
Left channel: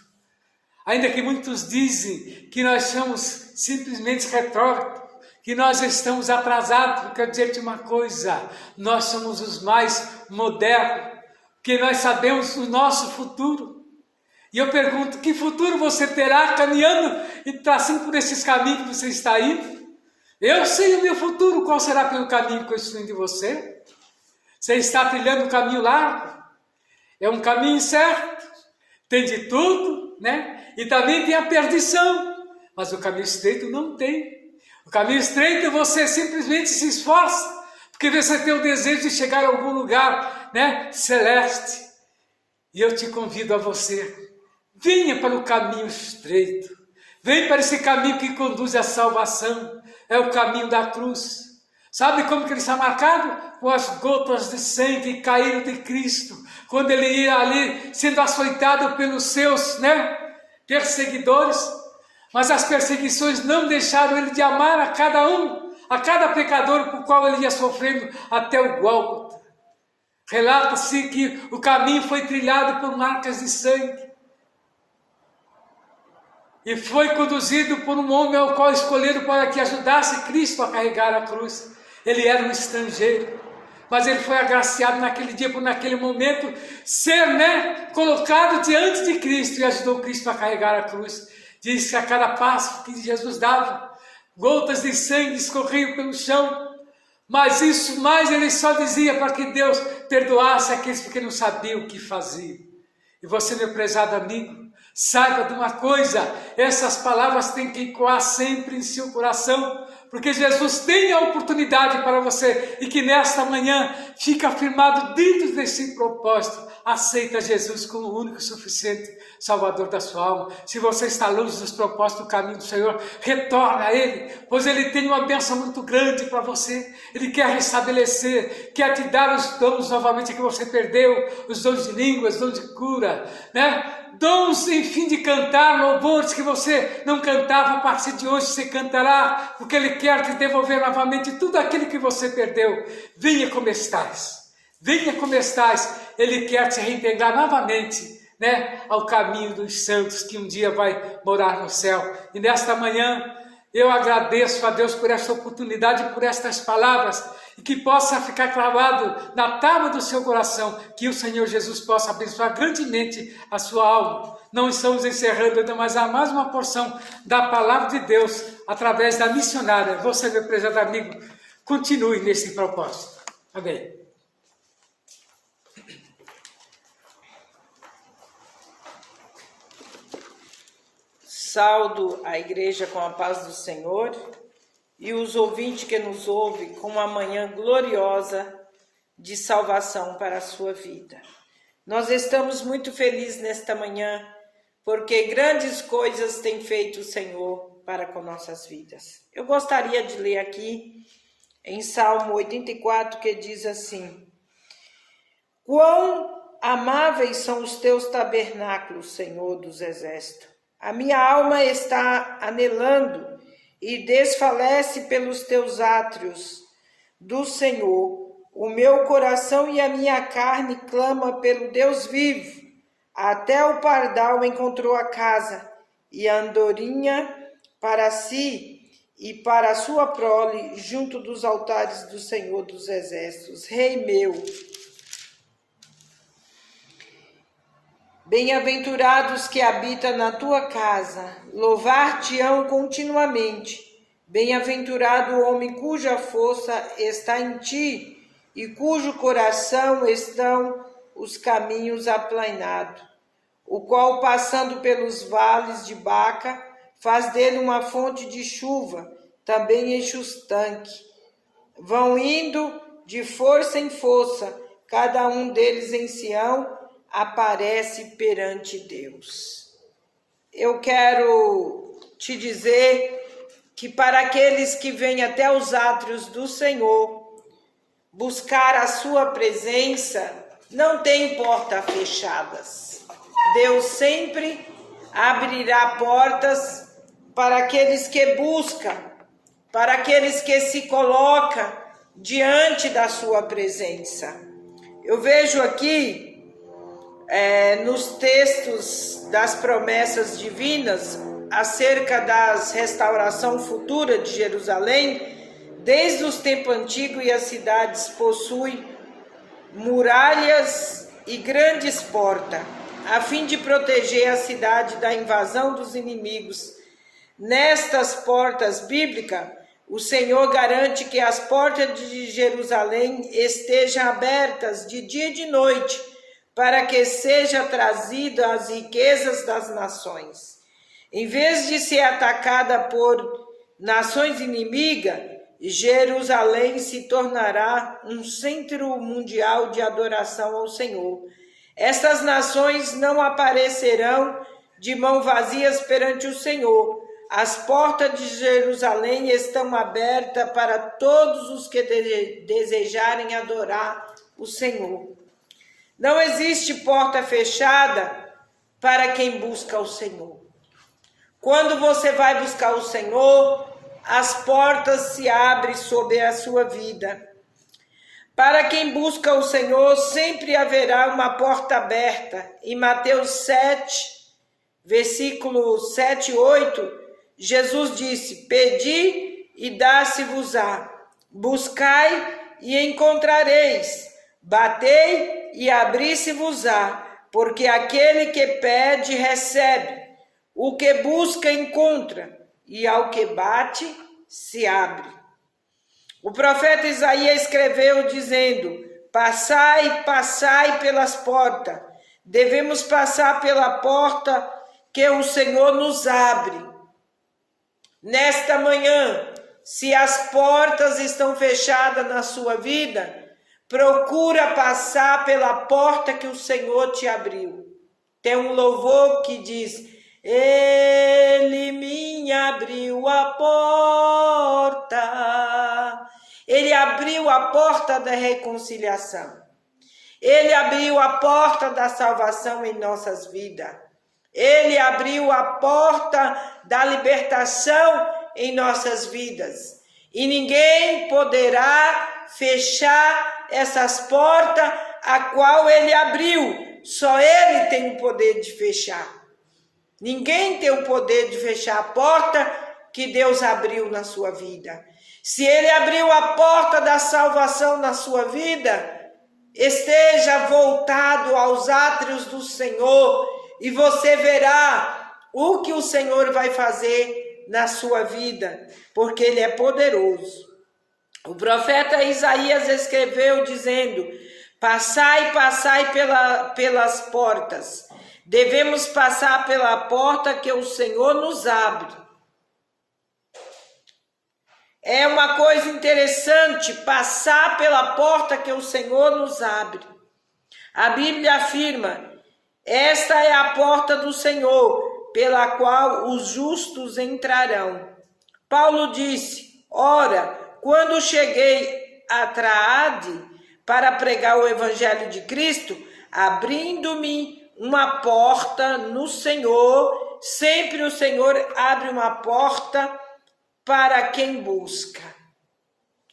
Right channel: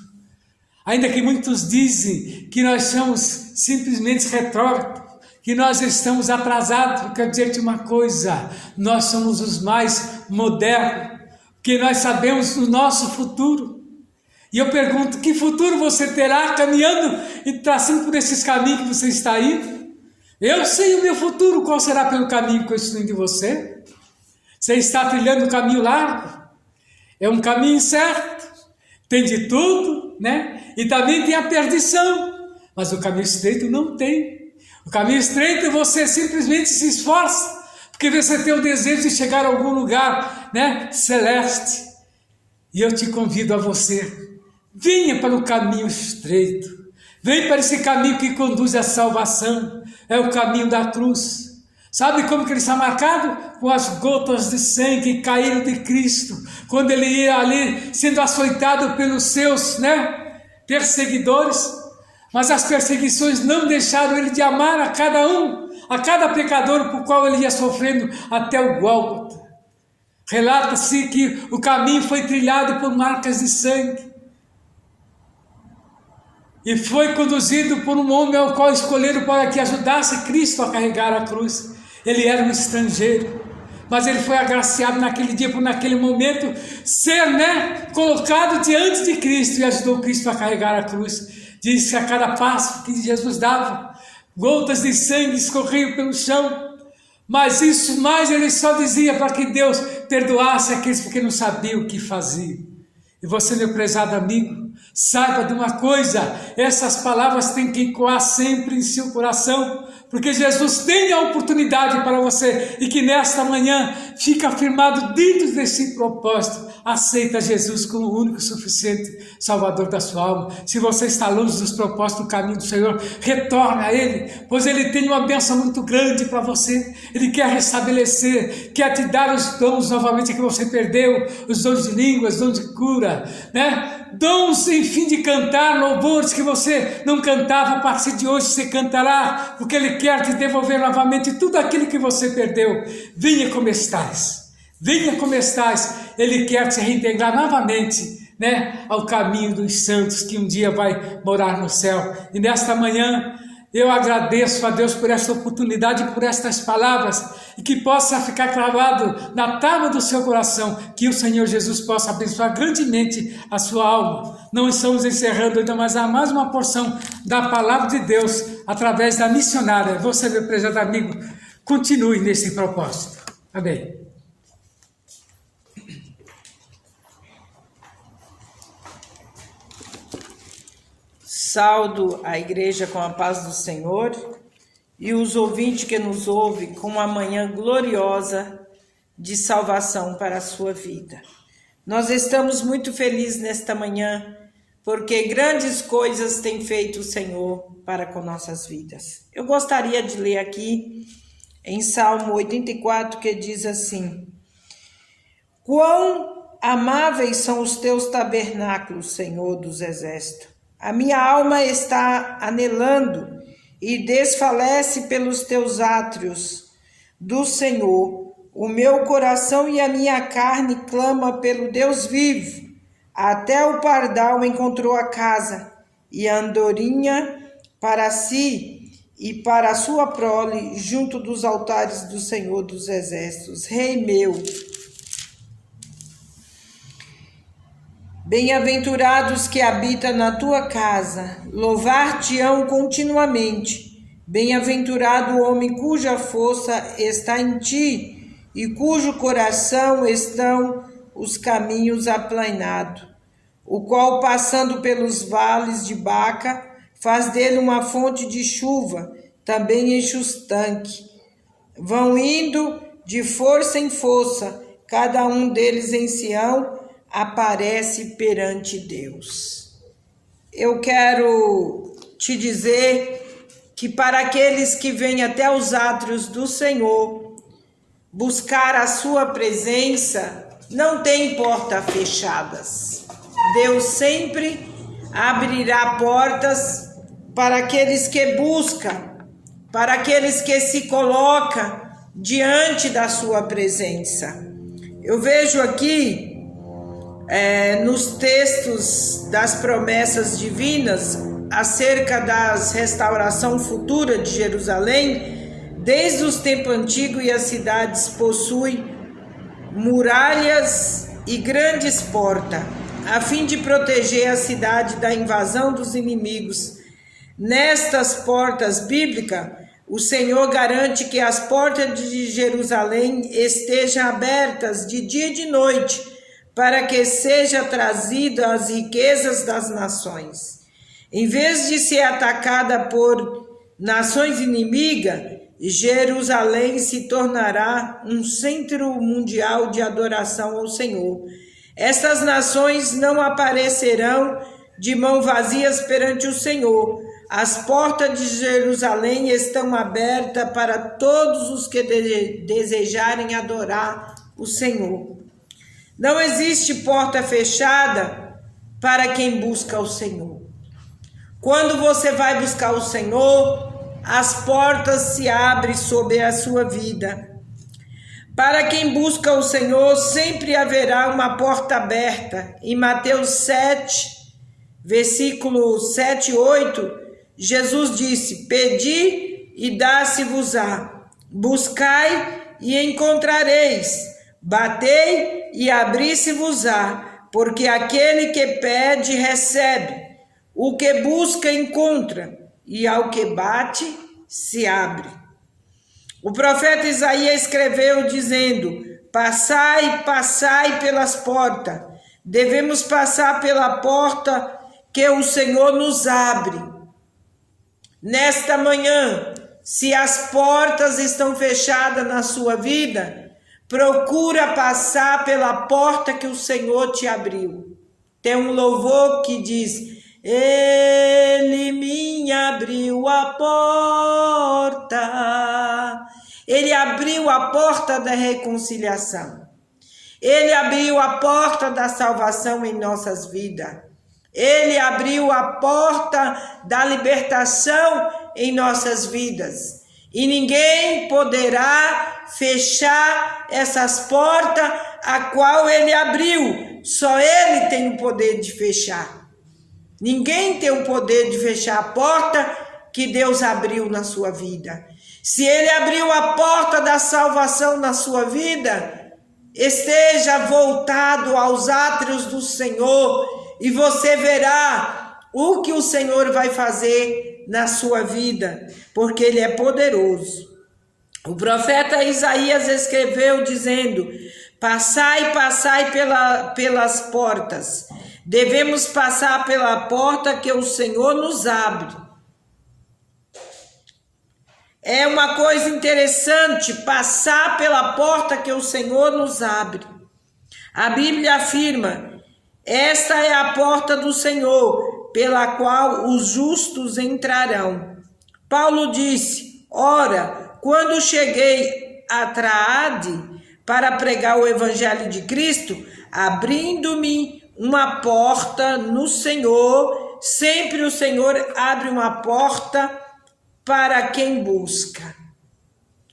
Ainda que muitos dizem que nós somos simplesmente retrógrados, que nós estamos atrasados, eu quero dizer-te uma coisa, nós somos os mais modernos, porque nós sabemos o nosso futuro. E eu pergunto, que futuro você terá caminhando e traçando por esses caminhos que você está indo? Eu sei o meu futuro, qual será pelo caminho que eu estou indo de você? Você está trilhando um caminho largo? É um caminho certo? Tem de tudo, né? E também tem a perdição, mas o caminho estreito não tem. O caminho estreito você simplesmente se esforça, porque você tem o desejo de chegar a algum lugar, né, celeste. E eu te convido a você, venha para o caminho estreito, venha para esse caminho que conduz à salvação, é o caminho da cruz. Sabe como que ele está marcado? Com as gotas de sangue que caíram de Cristo, quando ele ia ali sendo açoitado pelos seus, né, perseguidores, mas as perseguições não deixaram ele de amar a cada um, a cada pecador por qual ele ia sofrendo até o Gólgota. Relata-se que o caminho foi trilhado por marcas de sangue, e foi conduzido por um homem ao qual escolheram para que ajudasse Cristo a carregar a cruz. Ele era um estrangeiro, mas ele foi agraciado naquele dia, por naquele momento, ser, né, colocado diante de Cristo e ajudou Cristo a carregar a cruz. Diz que a cada passo que Jesus dava, gotas de sangue escorriam pelo chão, mas isso mais ele só dizia para que Deus perdoasse aqueles que não sabiam o que faziam. E você, meu prezado amigo, Saiba de uma coisa, essas palavras têm que ecoar sempre em seu coração, porque Jesus tem a oportunidade para você e que nesta manhã fica afirmado dentro desse propósito. Aceita Jesus como o único e suficiente Salvador da sua alma. Se você está longe dos propósitos do caminho do Senhor, retorne a Ele, pois Ele tem uma bênção muito grande para você. Ele quer restabelecer, quer te dar os dons novamente que você perdeu, os dons de línguas, dons de cura, né? Dons, enfim, de cantar louvores que você não cantava, a partir de hoje você cantará, porque Ele quer te devolver novamente tudo aquilo que você perdeu. Venha como estás, venha como estás, Ele quer te reintegrar novamente, né, ao caminho dos santos, que um dia vai morar no céu. E nesta manhã, eu agradeço a Deus por esta oportunidade, por estas palavras, e que possa ficar cravado na tábua do seu coração, que o Senhor Jesus possa abençoar grandemente a sua alma. Não estamos encerrando ainda, mas há mais uma porção da palavra de Deus, através da missionária. Você, meu prezado amigo, continue nesse propósito. Amém. Saúdo a igreja com a paz do Senhor e os ouvintes que nos ouvem com uma manhã gloriosa de salvação para a sua vida. Nós estamos muito felizes nesta manhã porque grandes coisas tem feito o Senhor para com nossas vidas. Eu gostaria de ler aqui em Salmo 84, que diz assim: Quão amáveis são os teus tabernáculos, Senhor dos exércitos! A minha alma está anelando e desfalece pelos teus átrios do Senhor. O meu coração e a minha carne clama pelo Deus vivo. Até o pardal encontrou a casa e a andorinha para si e para a sua prole junto dos altares do Senhor dos exércitos. Rei meu, bem-aventurados que habitam na tua casa, louvar-te-ão continuamente. Bem-aventurado o homem cuja força está em ti e cujo coração estão os caminhos aplainados, o qual, passando pelos vales de Baca, faz dele uma fonte de chuva, também enche os tanques. Vão indo de força em força, cada um deles em Sião, aparece perante Deus. Eu quero te dizer que para aqueles que vêm até os átrios do Senhor buscar a sua presença, não tem portas fechadas. Deus sempre abrirá portas para aqueles que buscam, para aqueles que se colocam diante da sua presença. Eu vejo aqui nos textos das promessas divinas acerca da restauração futura de Jerusalém, desde os tempos antigos, e as cidades possuem muralhas e grandes portas, a fim de proteger a cidade da invasão dos inimigos. Nestas portas bíblicas, o Senhor garante que as portas de Jerusalém estejam abertas de dia e de noite, para que seja trazido as riquezas das nações. Em vez de ser atacada por nações inimigas, Jerusalém se tornará um centro mundial de adoração ao Senhor. Estas nações não aparecerão de mãos vazias perante o Senhor. As portas de Jerusalém estão abertas para todos os que desejarem adorar o Senhor. Não existe porta fechada para quem busca o Senhor. Quando você vai buscar o Senhor, as portas se abrem sobre a sua vida. Para quem busca o Senhor, sempre haverá uma porta aberta. Em Mateus 7, versículo 7 e 8, Jesus disse: Pedi e dá-se-vos-á, buscai e encontrareis, batei e abri-se-vos-á, porque aquele que pede recebe, o que busca encontra, e ao que bate se abre. O profeta Isaías escreveu dizendo: Passai, passai pelas portas. Devemos passar pela porta que o Senhor nos abre. Nesta manhã, se as portas estão fechadas na sua vida, procura passar pela porta que o Senhor te abriu. Tem um louvor que diz: Ele me abriu a porta. Ele abriu a porta da reconciliação. Ele abriu a porta da salvação em nossas vidas. Ele abriu a porta da libertação em nossas vidas. E ninguém poderá fechar essas portas a qual ele abriu. Só ele tem o poder de fechar. Ninguém tem o poder de fechar a porta que Deus abriu na sua vida. Se ele abriu a porta da salvação na sua vida, esteja voltado aos átrios do Senhor e você verá o que o Senhor vai fazer na sua vida, porque ele é poderoso. O profeta Isaías escreveu dizendo: passai, passai pelas portas. Devemos passar pela porta que o Senhor nos abre. É uma coisa interessante passar pela porta que o Senhor nos abre. A Bíblia afirma: esta é a porta do Senhor, pela qual os justos entrarão. Paulo disse: ora, quando cheguei a Traade para pregar o Evangelho de Cristo, abrindo-me uma porta no Senhor, sempre o Senhor abre uma porta para quem busca.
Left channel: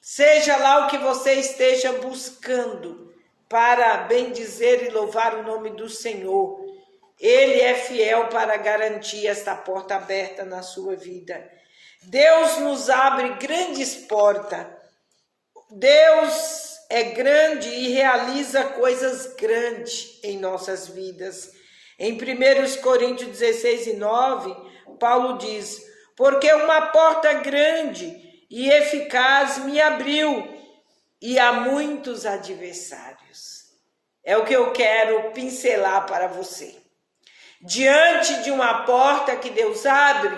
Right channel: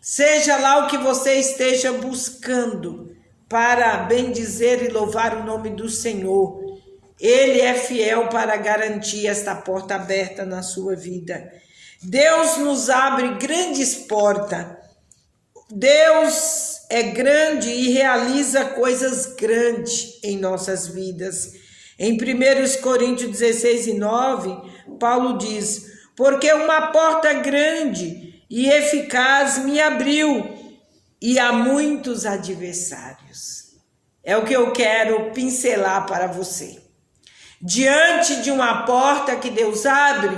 Seja lá o que você esteja buscando, para bendizer e louvar o nome do Senhor, Ele é fiel para garantir esta porta aberta na sua vida. Deus nos abre grandes portas. Deus é grande e realiza coisas grandes em nossas vidas. Em 1 Coríntios 16:9, Paulo diz: porque uma porta grande e eficaz me abriu, e há muitos adversários. É o que eu quero pincelar para você. Diante de uma porta que Deus abre,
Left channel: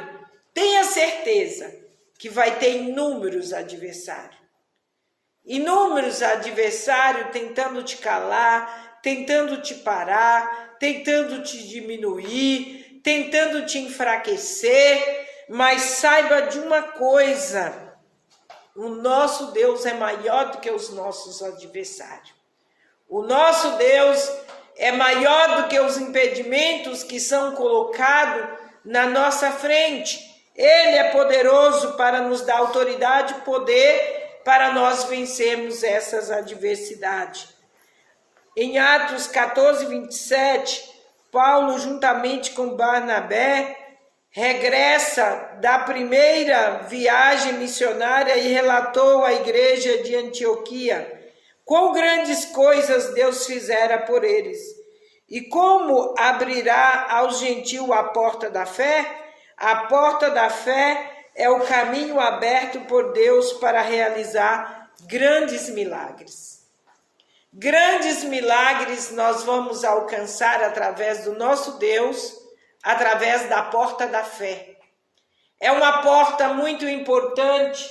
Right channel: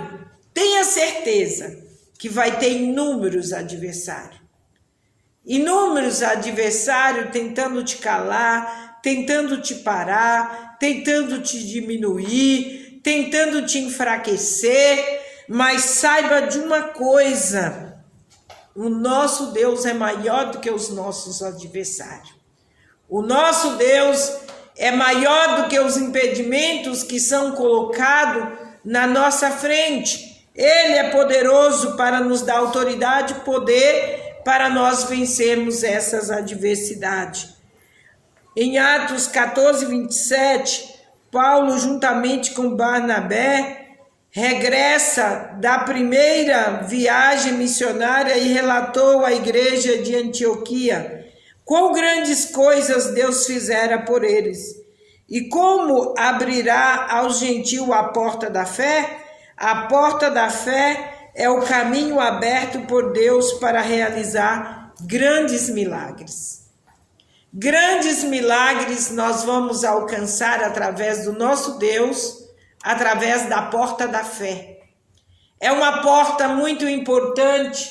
tenha certeza que vai ter inúmeros adversários. Inúmeros adversários tentando te calar, tentando te parar, tentando te diminuir, tentando te enfraquecer. Mas saiba de uma coisa: o nosso Deus é maior do que os nossos adversários. O nosso Deus é maior do que os impedimentos que são colocados na nossa frente. Ele é poderoso para nos dar autoridade e poder para nós vencermos essas adversidades. Em Atos 14:27, Paulo, juntamente com Barnabé, regressa da primeira viagem missionária e relatou à igreja de Antioquia quão grandes coisas Deus fizera por eles e como abrirá aos gentios a porta da fé. A porta da fé é o caminho aberto por Deus para realizar grandes milagres. Grandes milagres nós vamos alcançar através do nosso Deus, através da porta da fé. É uma porta muito importante,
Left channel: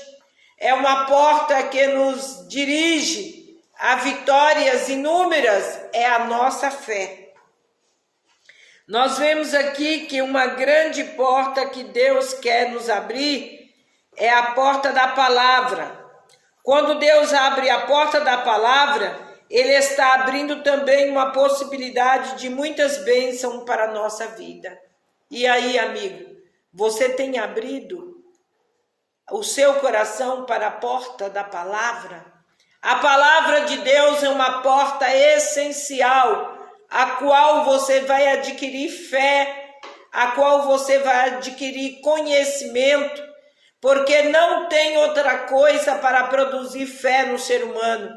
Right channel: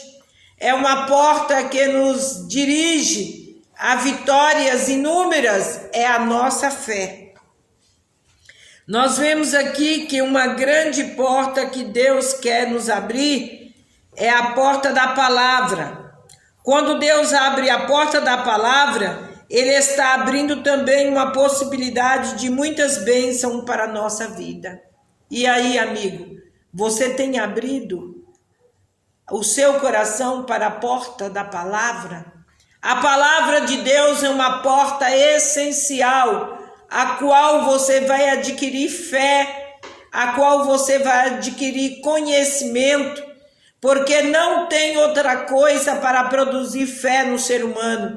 é uma porta que nos dirige a vitórias inúmeras, é a nossa fé. Nós vemos aqui que uma grande porta que Deus quer nos abrir é a porta da palavra. Quando Deus abre a porta da palavra, Ele está abrindo também uma possibilidade de muitas bênçãos para a nossa vida. E aí, amigo, você tem abrido o seu coração para a porta da palavra? A palavra de Deus é uma porta essencial, a qual você vai adquirir fé, a qual você vai adquirir conhecimento, porque não tem outra coisa para produzir fé no ser humano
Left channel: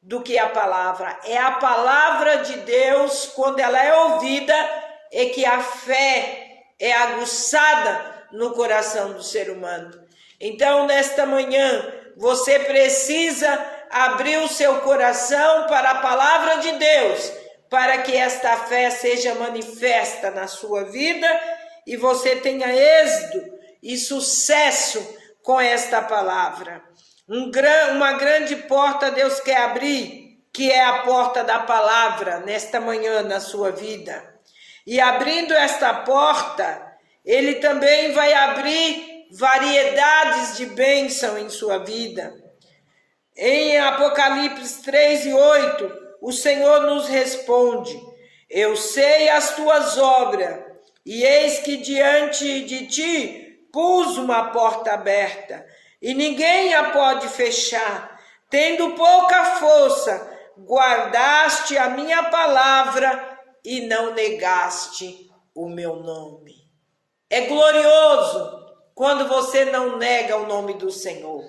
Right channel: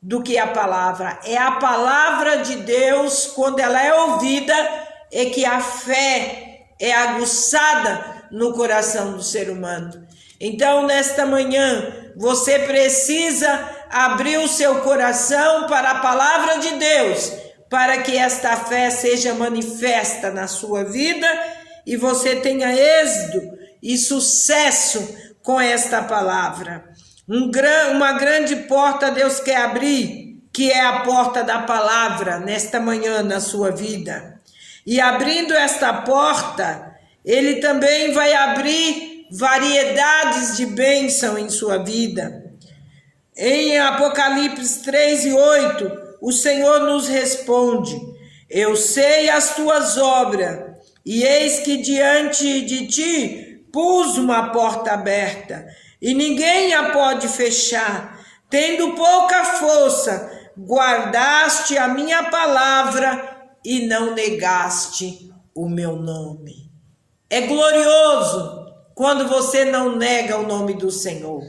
do que a palavra. É a palavra de Deus, quando ela é ouvida, é que a fé é aguçada no coração do ser humano. Então, nesta manhã, você precisa abrir o seu coração para a palavra de Deus, para que esta fé seja manifesta na sua vida e você tenha êxito e sucesso com esta palavra. Uma grande porta Deus quer abrir, que é a porta da palavra, nesta manhã na sua vida. E abrindo esta porta, Ele também vai abrir variedades de bênção em sua vida. Em Apocalipse 3:8, o Senhor nos responde: eu sei as tuas obras, e eis que diante de ti pus uma porta aberta, e ninguém a pode fechar. Tendo pouca força, guardaste a minha palavra e não negaste o meu nome. É glorioso quando você não nega o nome do Senhor.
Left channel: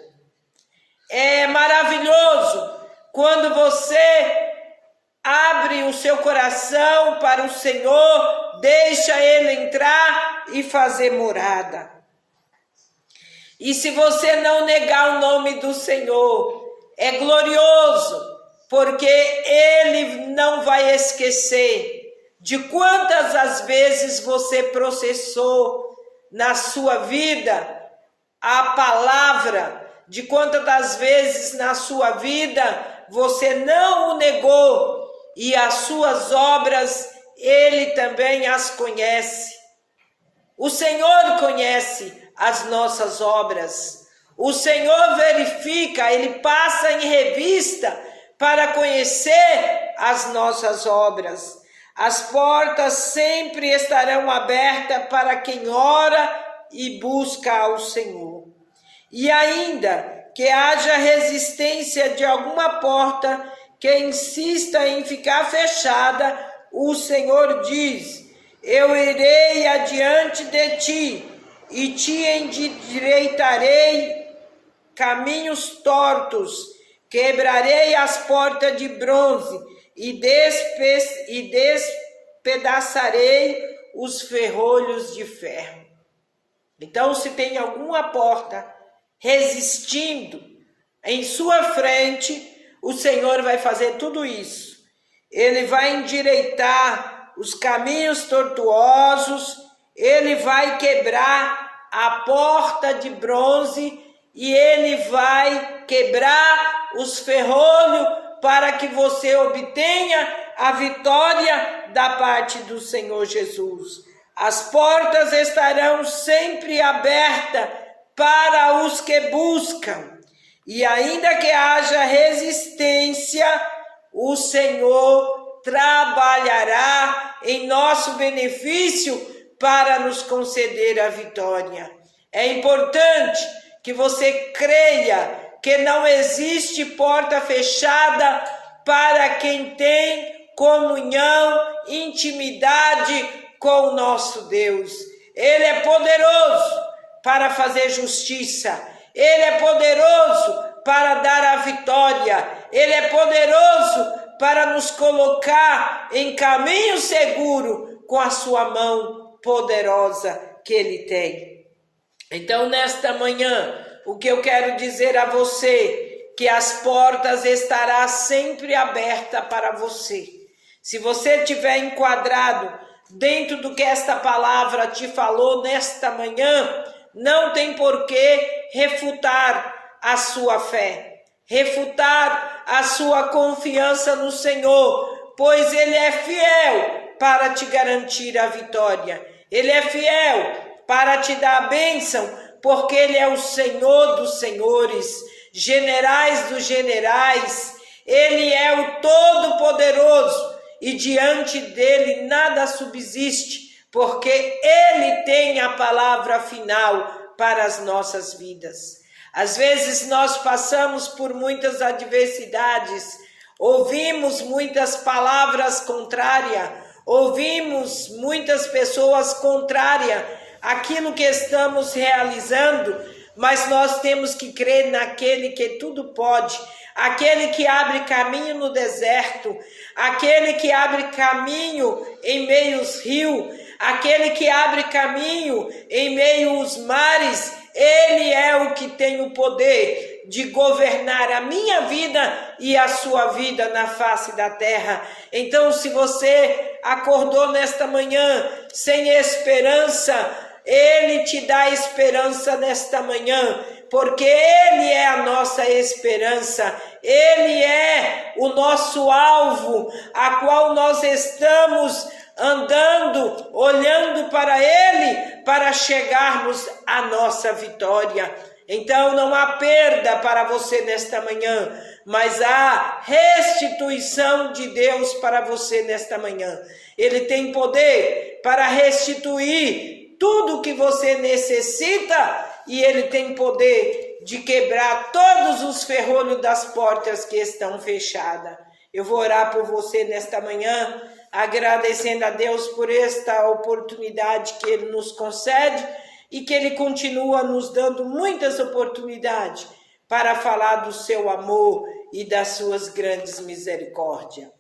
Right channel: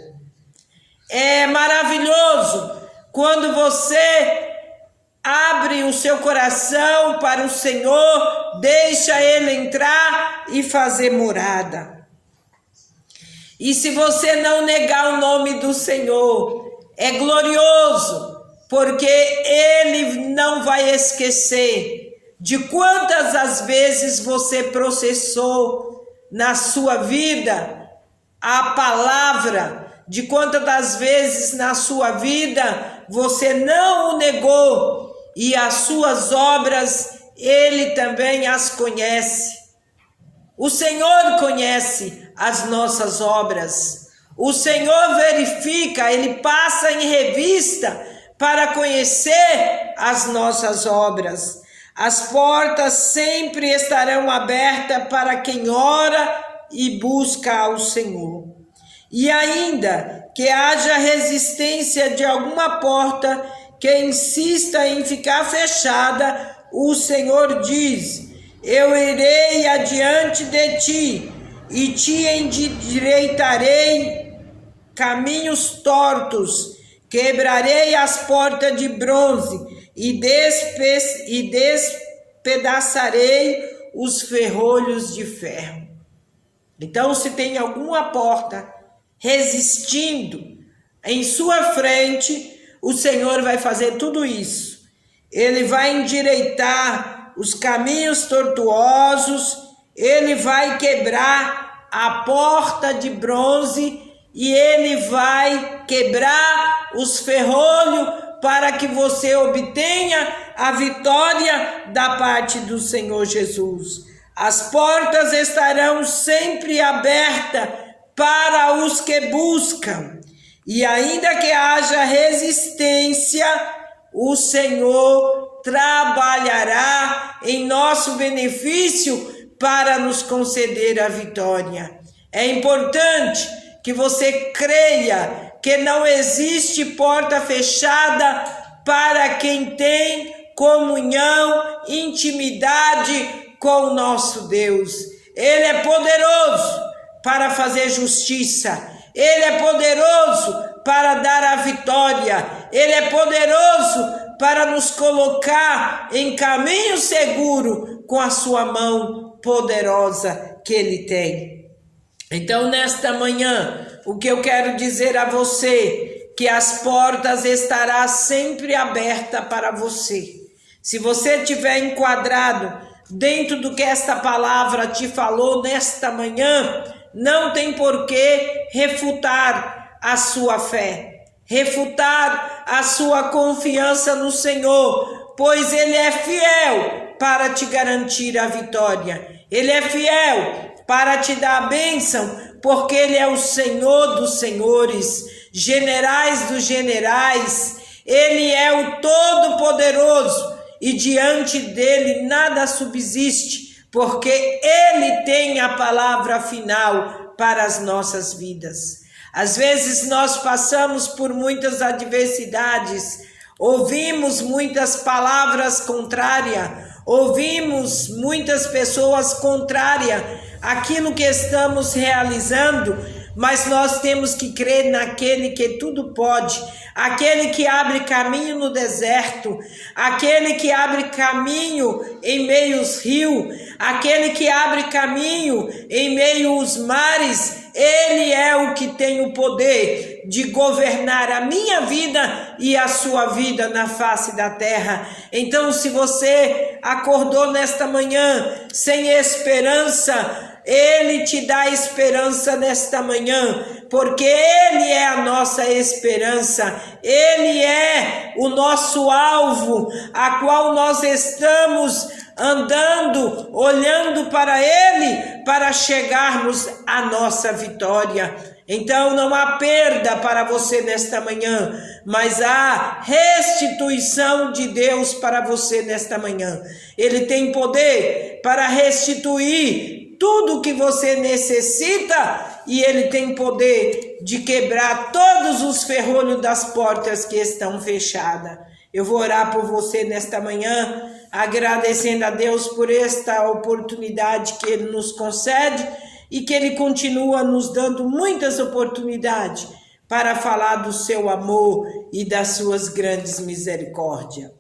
É maravilhoso quando você abre o seu coração para o Senhor, deixa Ele entrar e fazer morada. E se você não negar o nome do Senhor, é glorioso, porque Ele não vai esquecer de quantas as vezes você processou na sua vida a palavra, de quantas das vezes na sua vida você não o negou, e as suas obras Ele também as conhece. O Senhor conhece as nossas obras. O Senhor verifica, Ele passa em revista para conhecer as nossas obras. As portas sempre estarão abertas para quem ora e busca ao Senhor. E ainda que haja resistência de alguma porta que insista em ficar fechada, o Senhor diz: eu irei adiante de ti e te endireitarei caminhos tortos, quebrarei as portas de bronze e despedaçarei os ferrolhos de ferro. Então, se tem alguma porta resistindo em sua frente, o Senhor vai fazer tudo isso. Ele vai endireitar os caminhos tortuosos, Ele vai quebrar a porta de bronze e Ele vai quebrar os ferrolhos para que você obtenha a vitória da parte do Senhor Jesus. As portas estarão sempre abertas para os que buscam. E ainda que haja resistência, o Senhor trabalhará em nosso benefício para nos conceder a vitória. É importante que você creia que não existe porta fechada para quem tem comunhão, intimidade com o nosso Deus. Ele é poderoso para fazer justiça. Ele é poderoso para dar a vitória. Ele é poderoso para nos colocar em caminho seguro com a sua mão poderosa que Ele tem. Então, nesta manhã, o que eu quero dizer a você, que as portas estarão sempre abertas para você. Se você estiver enquadrado dentro do que esta palavra te falou nesta manhã, não tem por que refutar a sua fé, refutar a sua confiança no Senhor, pois Ele é fiel para te garantir a vitória. Ele é fiel para te dar a bênção, porque Ele é o Senhor dos senhores, generais dos generais. Ele é o Todo-Poderoso e diante dele nada subsiste, porque Ele tem a palavra final para as nossas vidas. Às vezes nós passamos por muitas adversidades, ouvimos muitas palavras contrárias, ouvimos muitas pessoas contrárias àquilo que estamos realizando, mas nós temos que crer naquele que tudo pode, aquele que abre caminho no deserto, aquele que abre caminho em meio aos rios, aquele que abre caminho em meio aos mares. Ele é o que tem o poder de governar a minha vida e a sua vida na face da terra. Então, se você acordou nesta manhã sem esperança, Ele te dá esperança nesta manhã, porque Ele é a nossa esperança, Ele é o nosso alvo, a qual nós estamos andando, olhando para Ele, para chegarmos à nossa vitória. Então não há perda para você nesta manhã, mas há restituição de Deus para você nesta manhã. Ele tem poder para restituir tudo o que você necessita, e Ele tem poder de quebrar todos os ferrolhos das portas que estão fechadas. Eu vou orar por você nesta manhã, agradecendo a Deus por esta oportunidade que Ele nos concede e que Ele continua nos dando muitas oportunidades para falar do seu amor e das suas grandes misericórdias.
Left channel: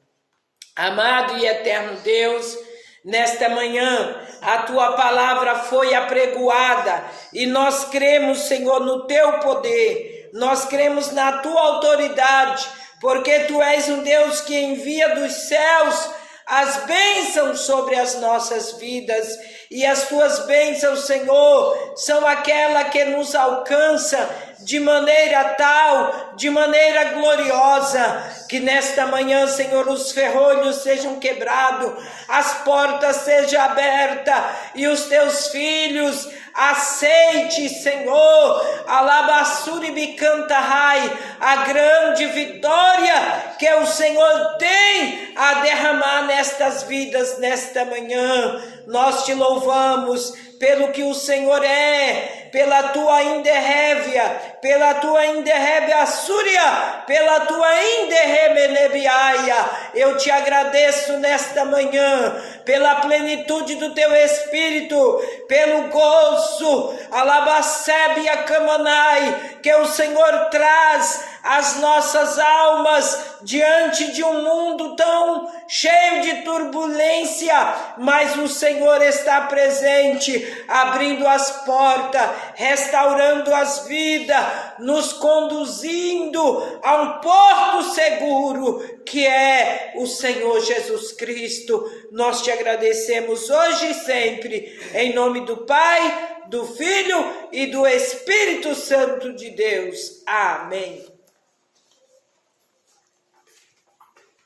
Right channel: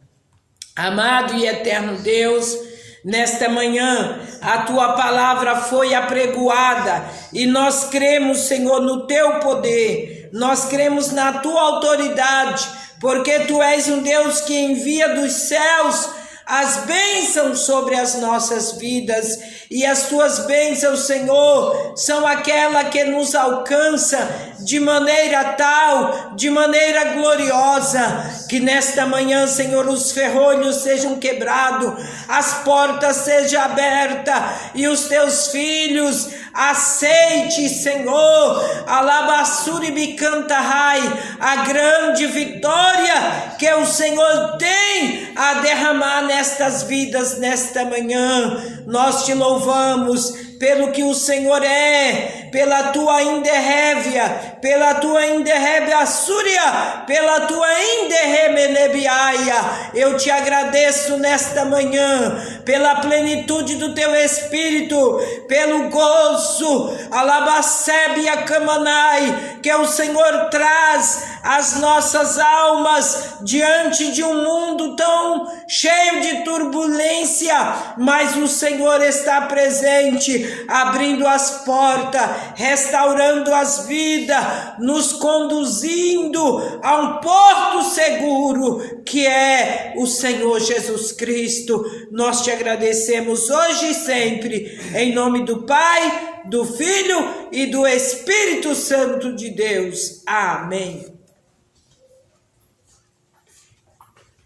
Amado e eterno Deus, nesta manhã, a Tua palavra foi apregoada e nós cremos, Senhor, no Teu poder, nós cremos na Tua autoridade, porque Tu és um Deus que envia dos céus as bênçãos sobre as nossas vidas, e as Tuas bênçãos, Senhor, são aquela que nos alcança de maneira tal, de maneira gloriosa, que nesta manhã, Senhor, os ferrolhos sejam quebrados, as portas sejam abertas, e os Teus filhos aceite, Senhor, alabassuri bicantarai, a grande vitória que o Senhor tem a derramar nestas vidas nesta manhã. Nós Te louvamos pelo que o Senhor é, pela Tua inderrévia, pela Tua inderrévia súria, pela Tua inderremenebiaia. Eu Te agradeço nesta manhã, pela plenitude do Teu Espírito, pelo gozo, alabacébia camanai, que o Senhor traz as nossas almas diante de um mundo tão cheio de turbulência, mas o Senhor está presente, abrindo as portas, restaurando as vidas, nos conduzindo a um porto seguro, que é o Senhor Jesus Cristo. Nós Te agradecemos hoje e sempre, em nome do Pai, do Filho e do Espírito Santo de Deus. Amém.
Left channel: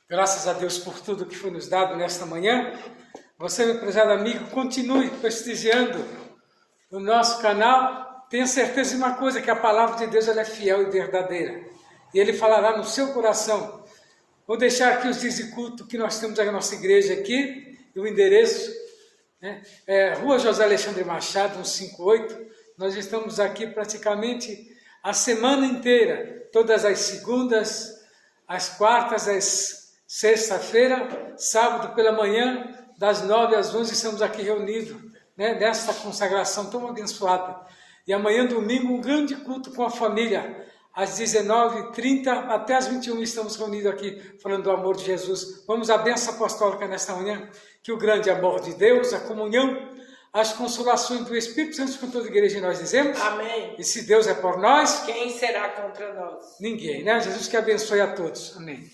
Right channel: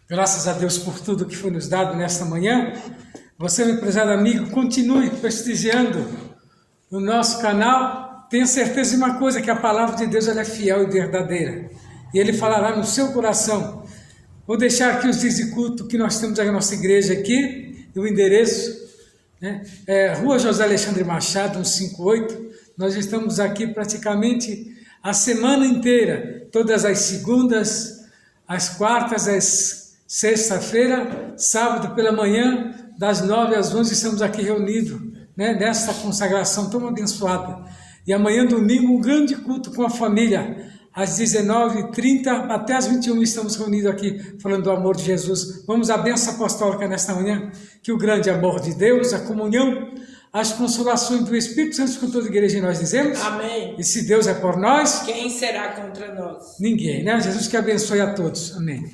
Graças a Deus por tudo que foi nos dado nesta manhã. Você, meu prezado amigo, continue prestigiando o nosso canal. Tenha certeza de uma coisa, que a palavra de Deus ela é fiel e verdadeira. E Ele falará no seu coração. Vou deixar aqui os dias de culto que nós temos aí na nossa igreja aqui, e o endereço, né? Rua José Alexandre Machado, 158. Nós estamos aqui praticamente a semana inteira, todas as segundas, as quartas, as sexta-feira, sábado pela manhã, das 9 às 11, estamos aqui reunidos, né, nesta consagração tão abençoada. E amanhã, domingo, um grande culto com a família, às 19h30 até às 21h, estamos reunidos aqui, falando do amor de Jesus. Vamos à bênção apostólica nesta manhã, que o grande amor de Deus, a comunhão, as consolações do Espírito Santo com toda a igreja, e nós dizemos: Amém. E se Deus é por nós, quem será contra nós? Ninguém, né? Jesus que abençoe a todos. Amém.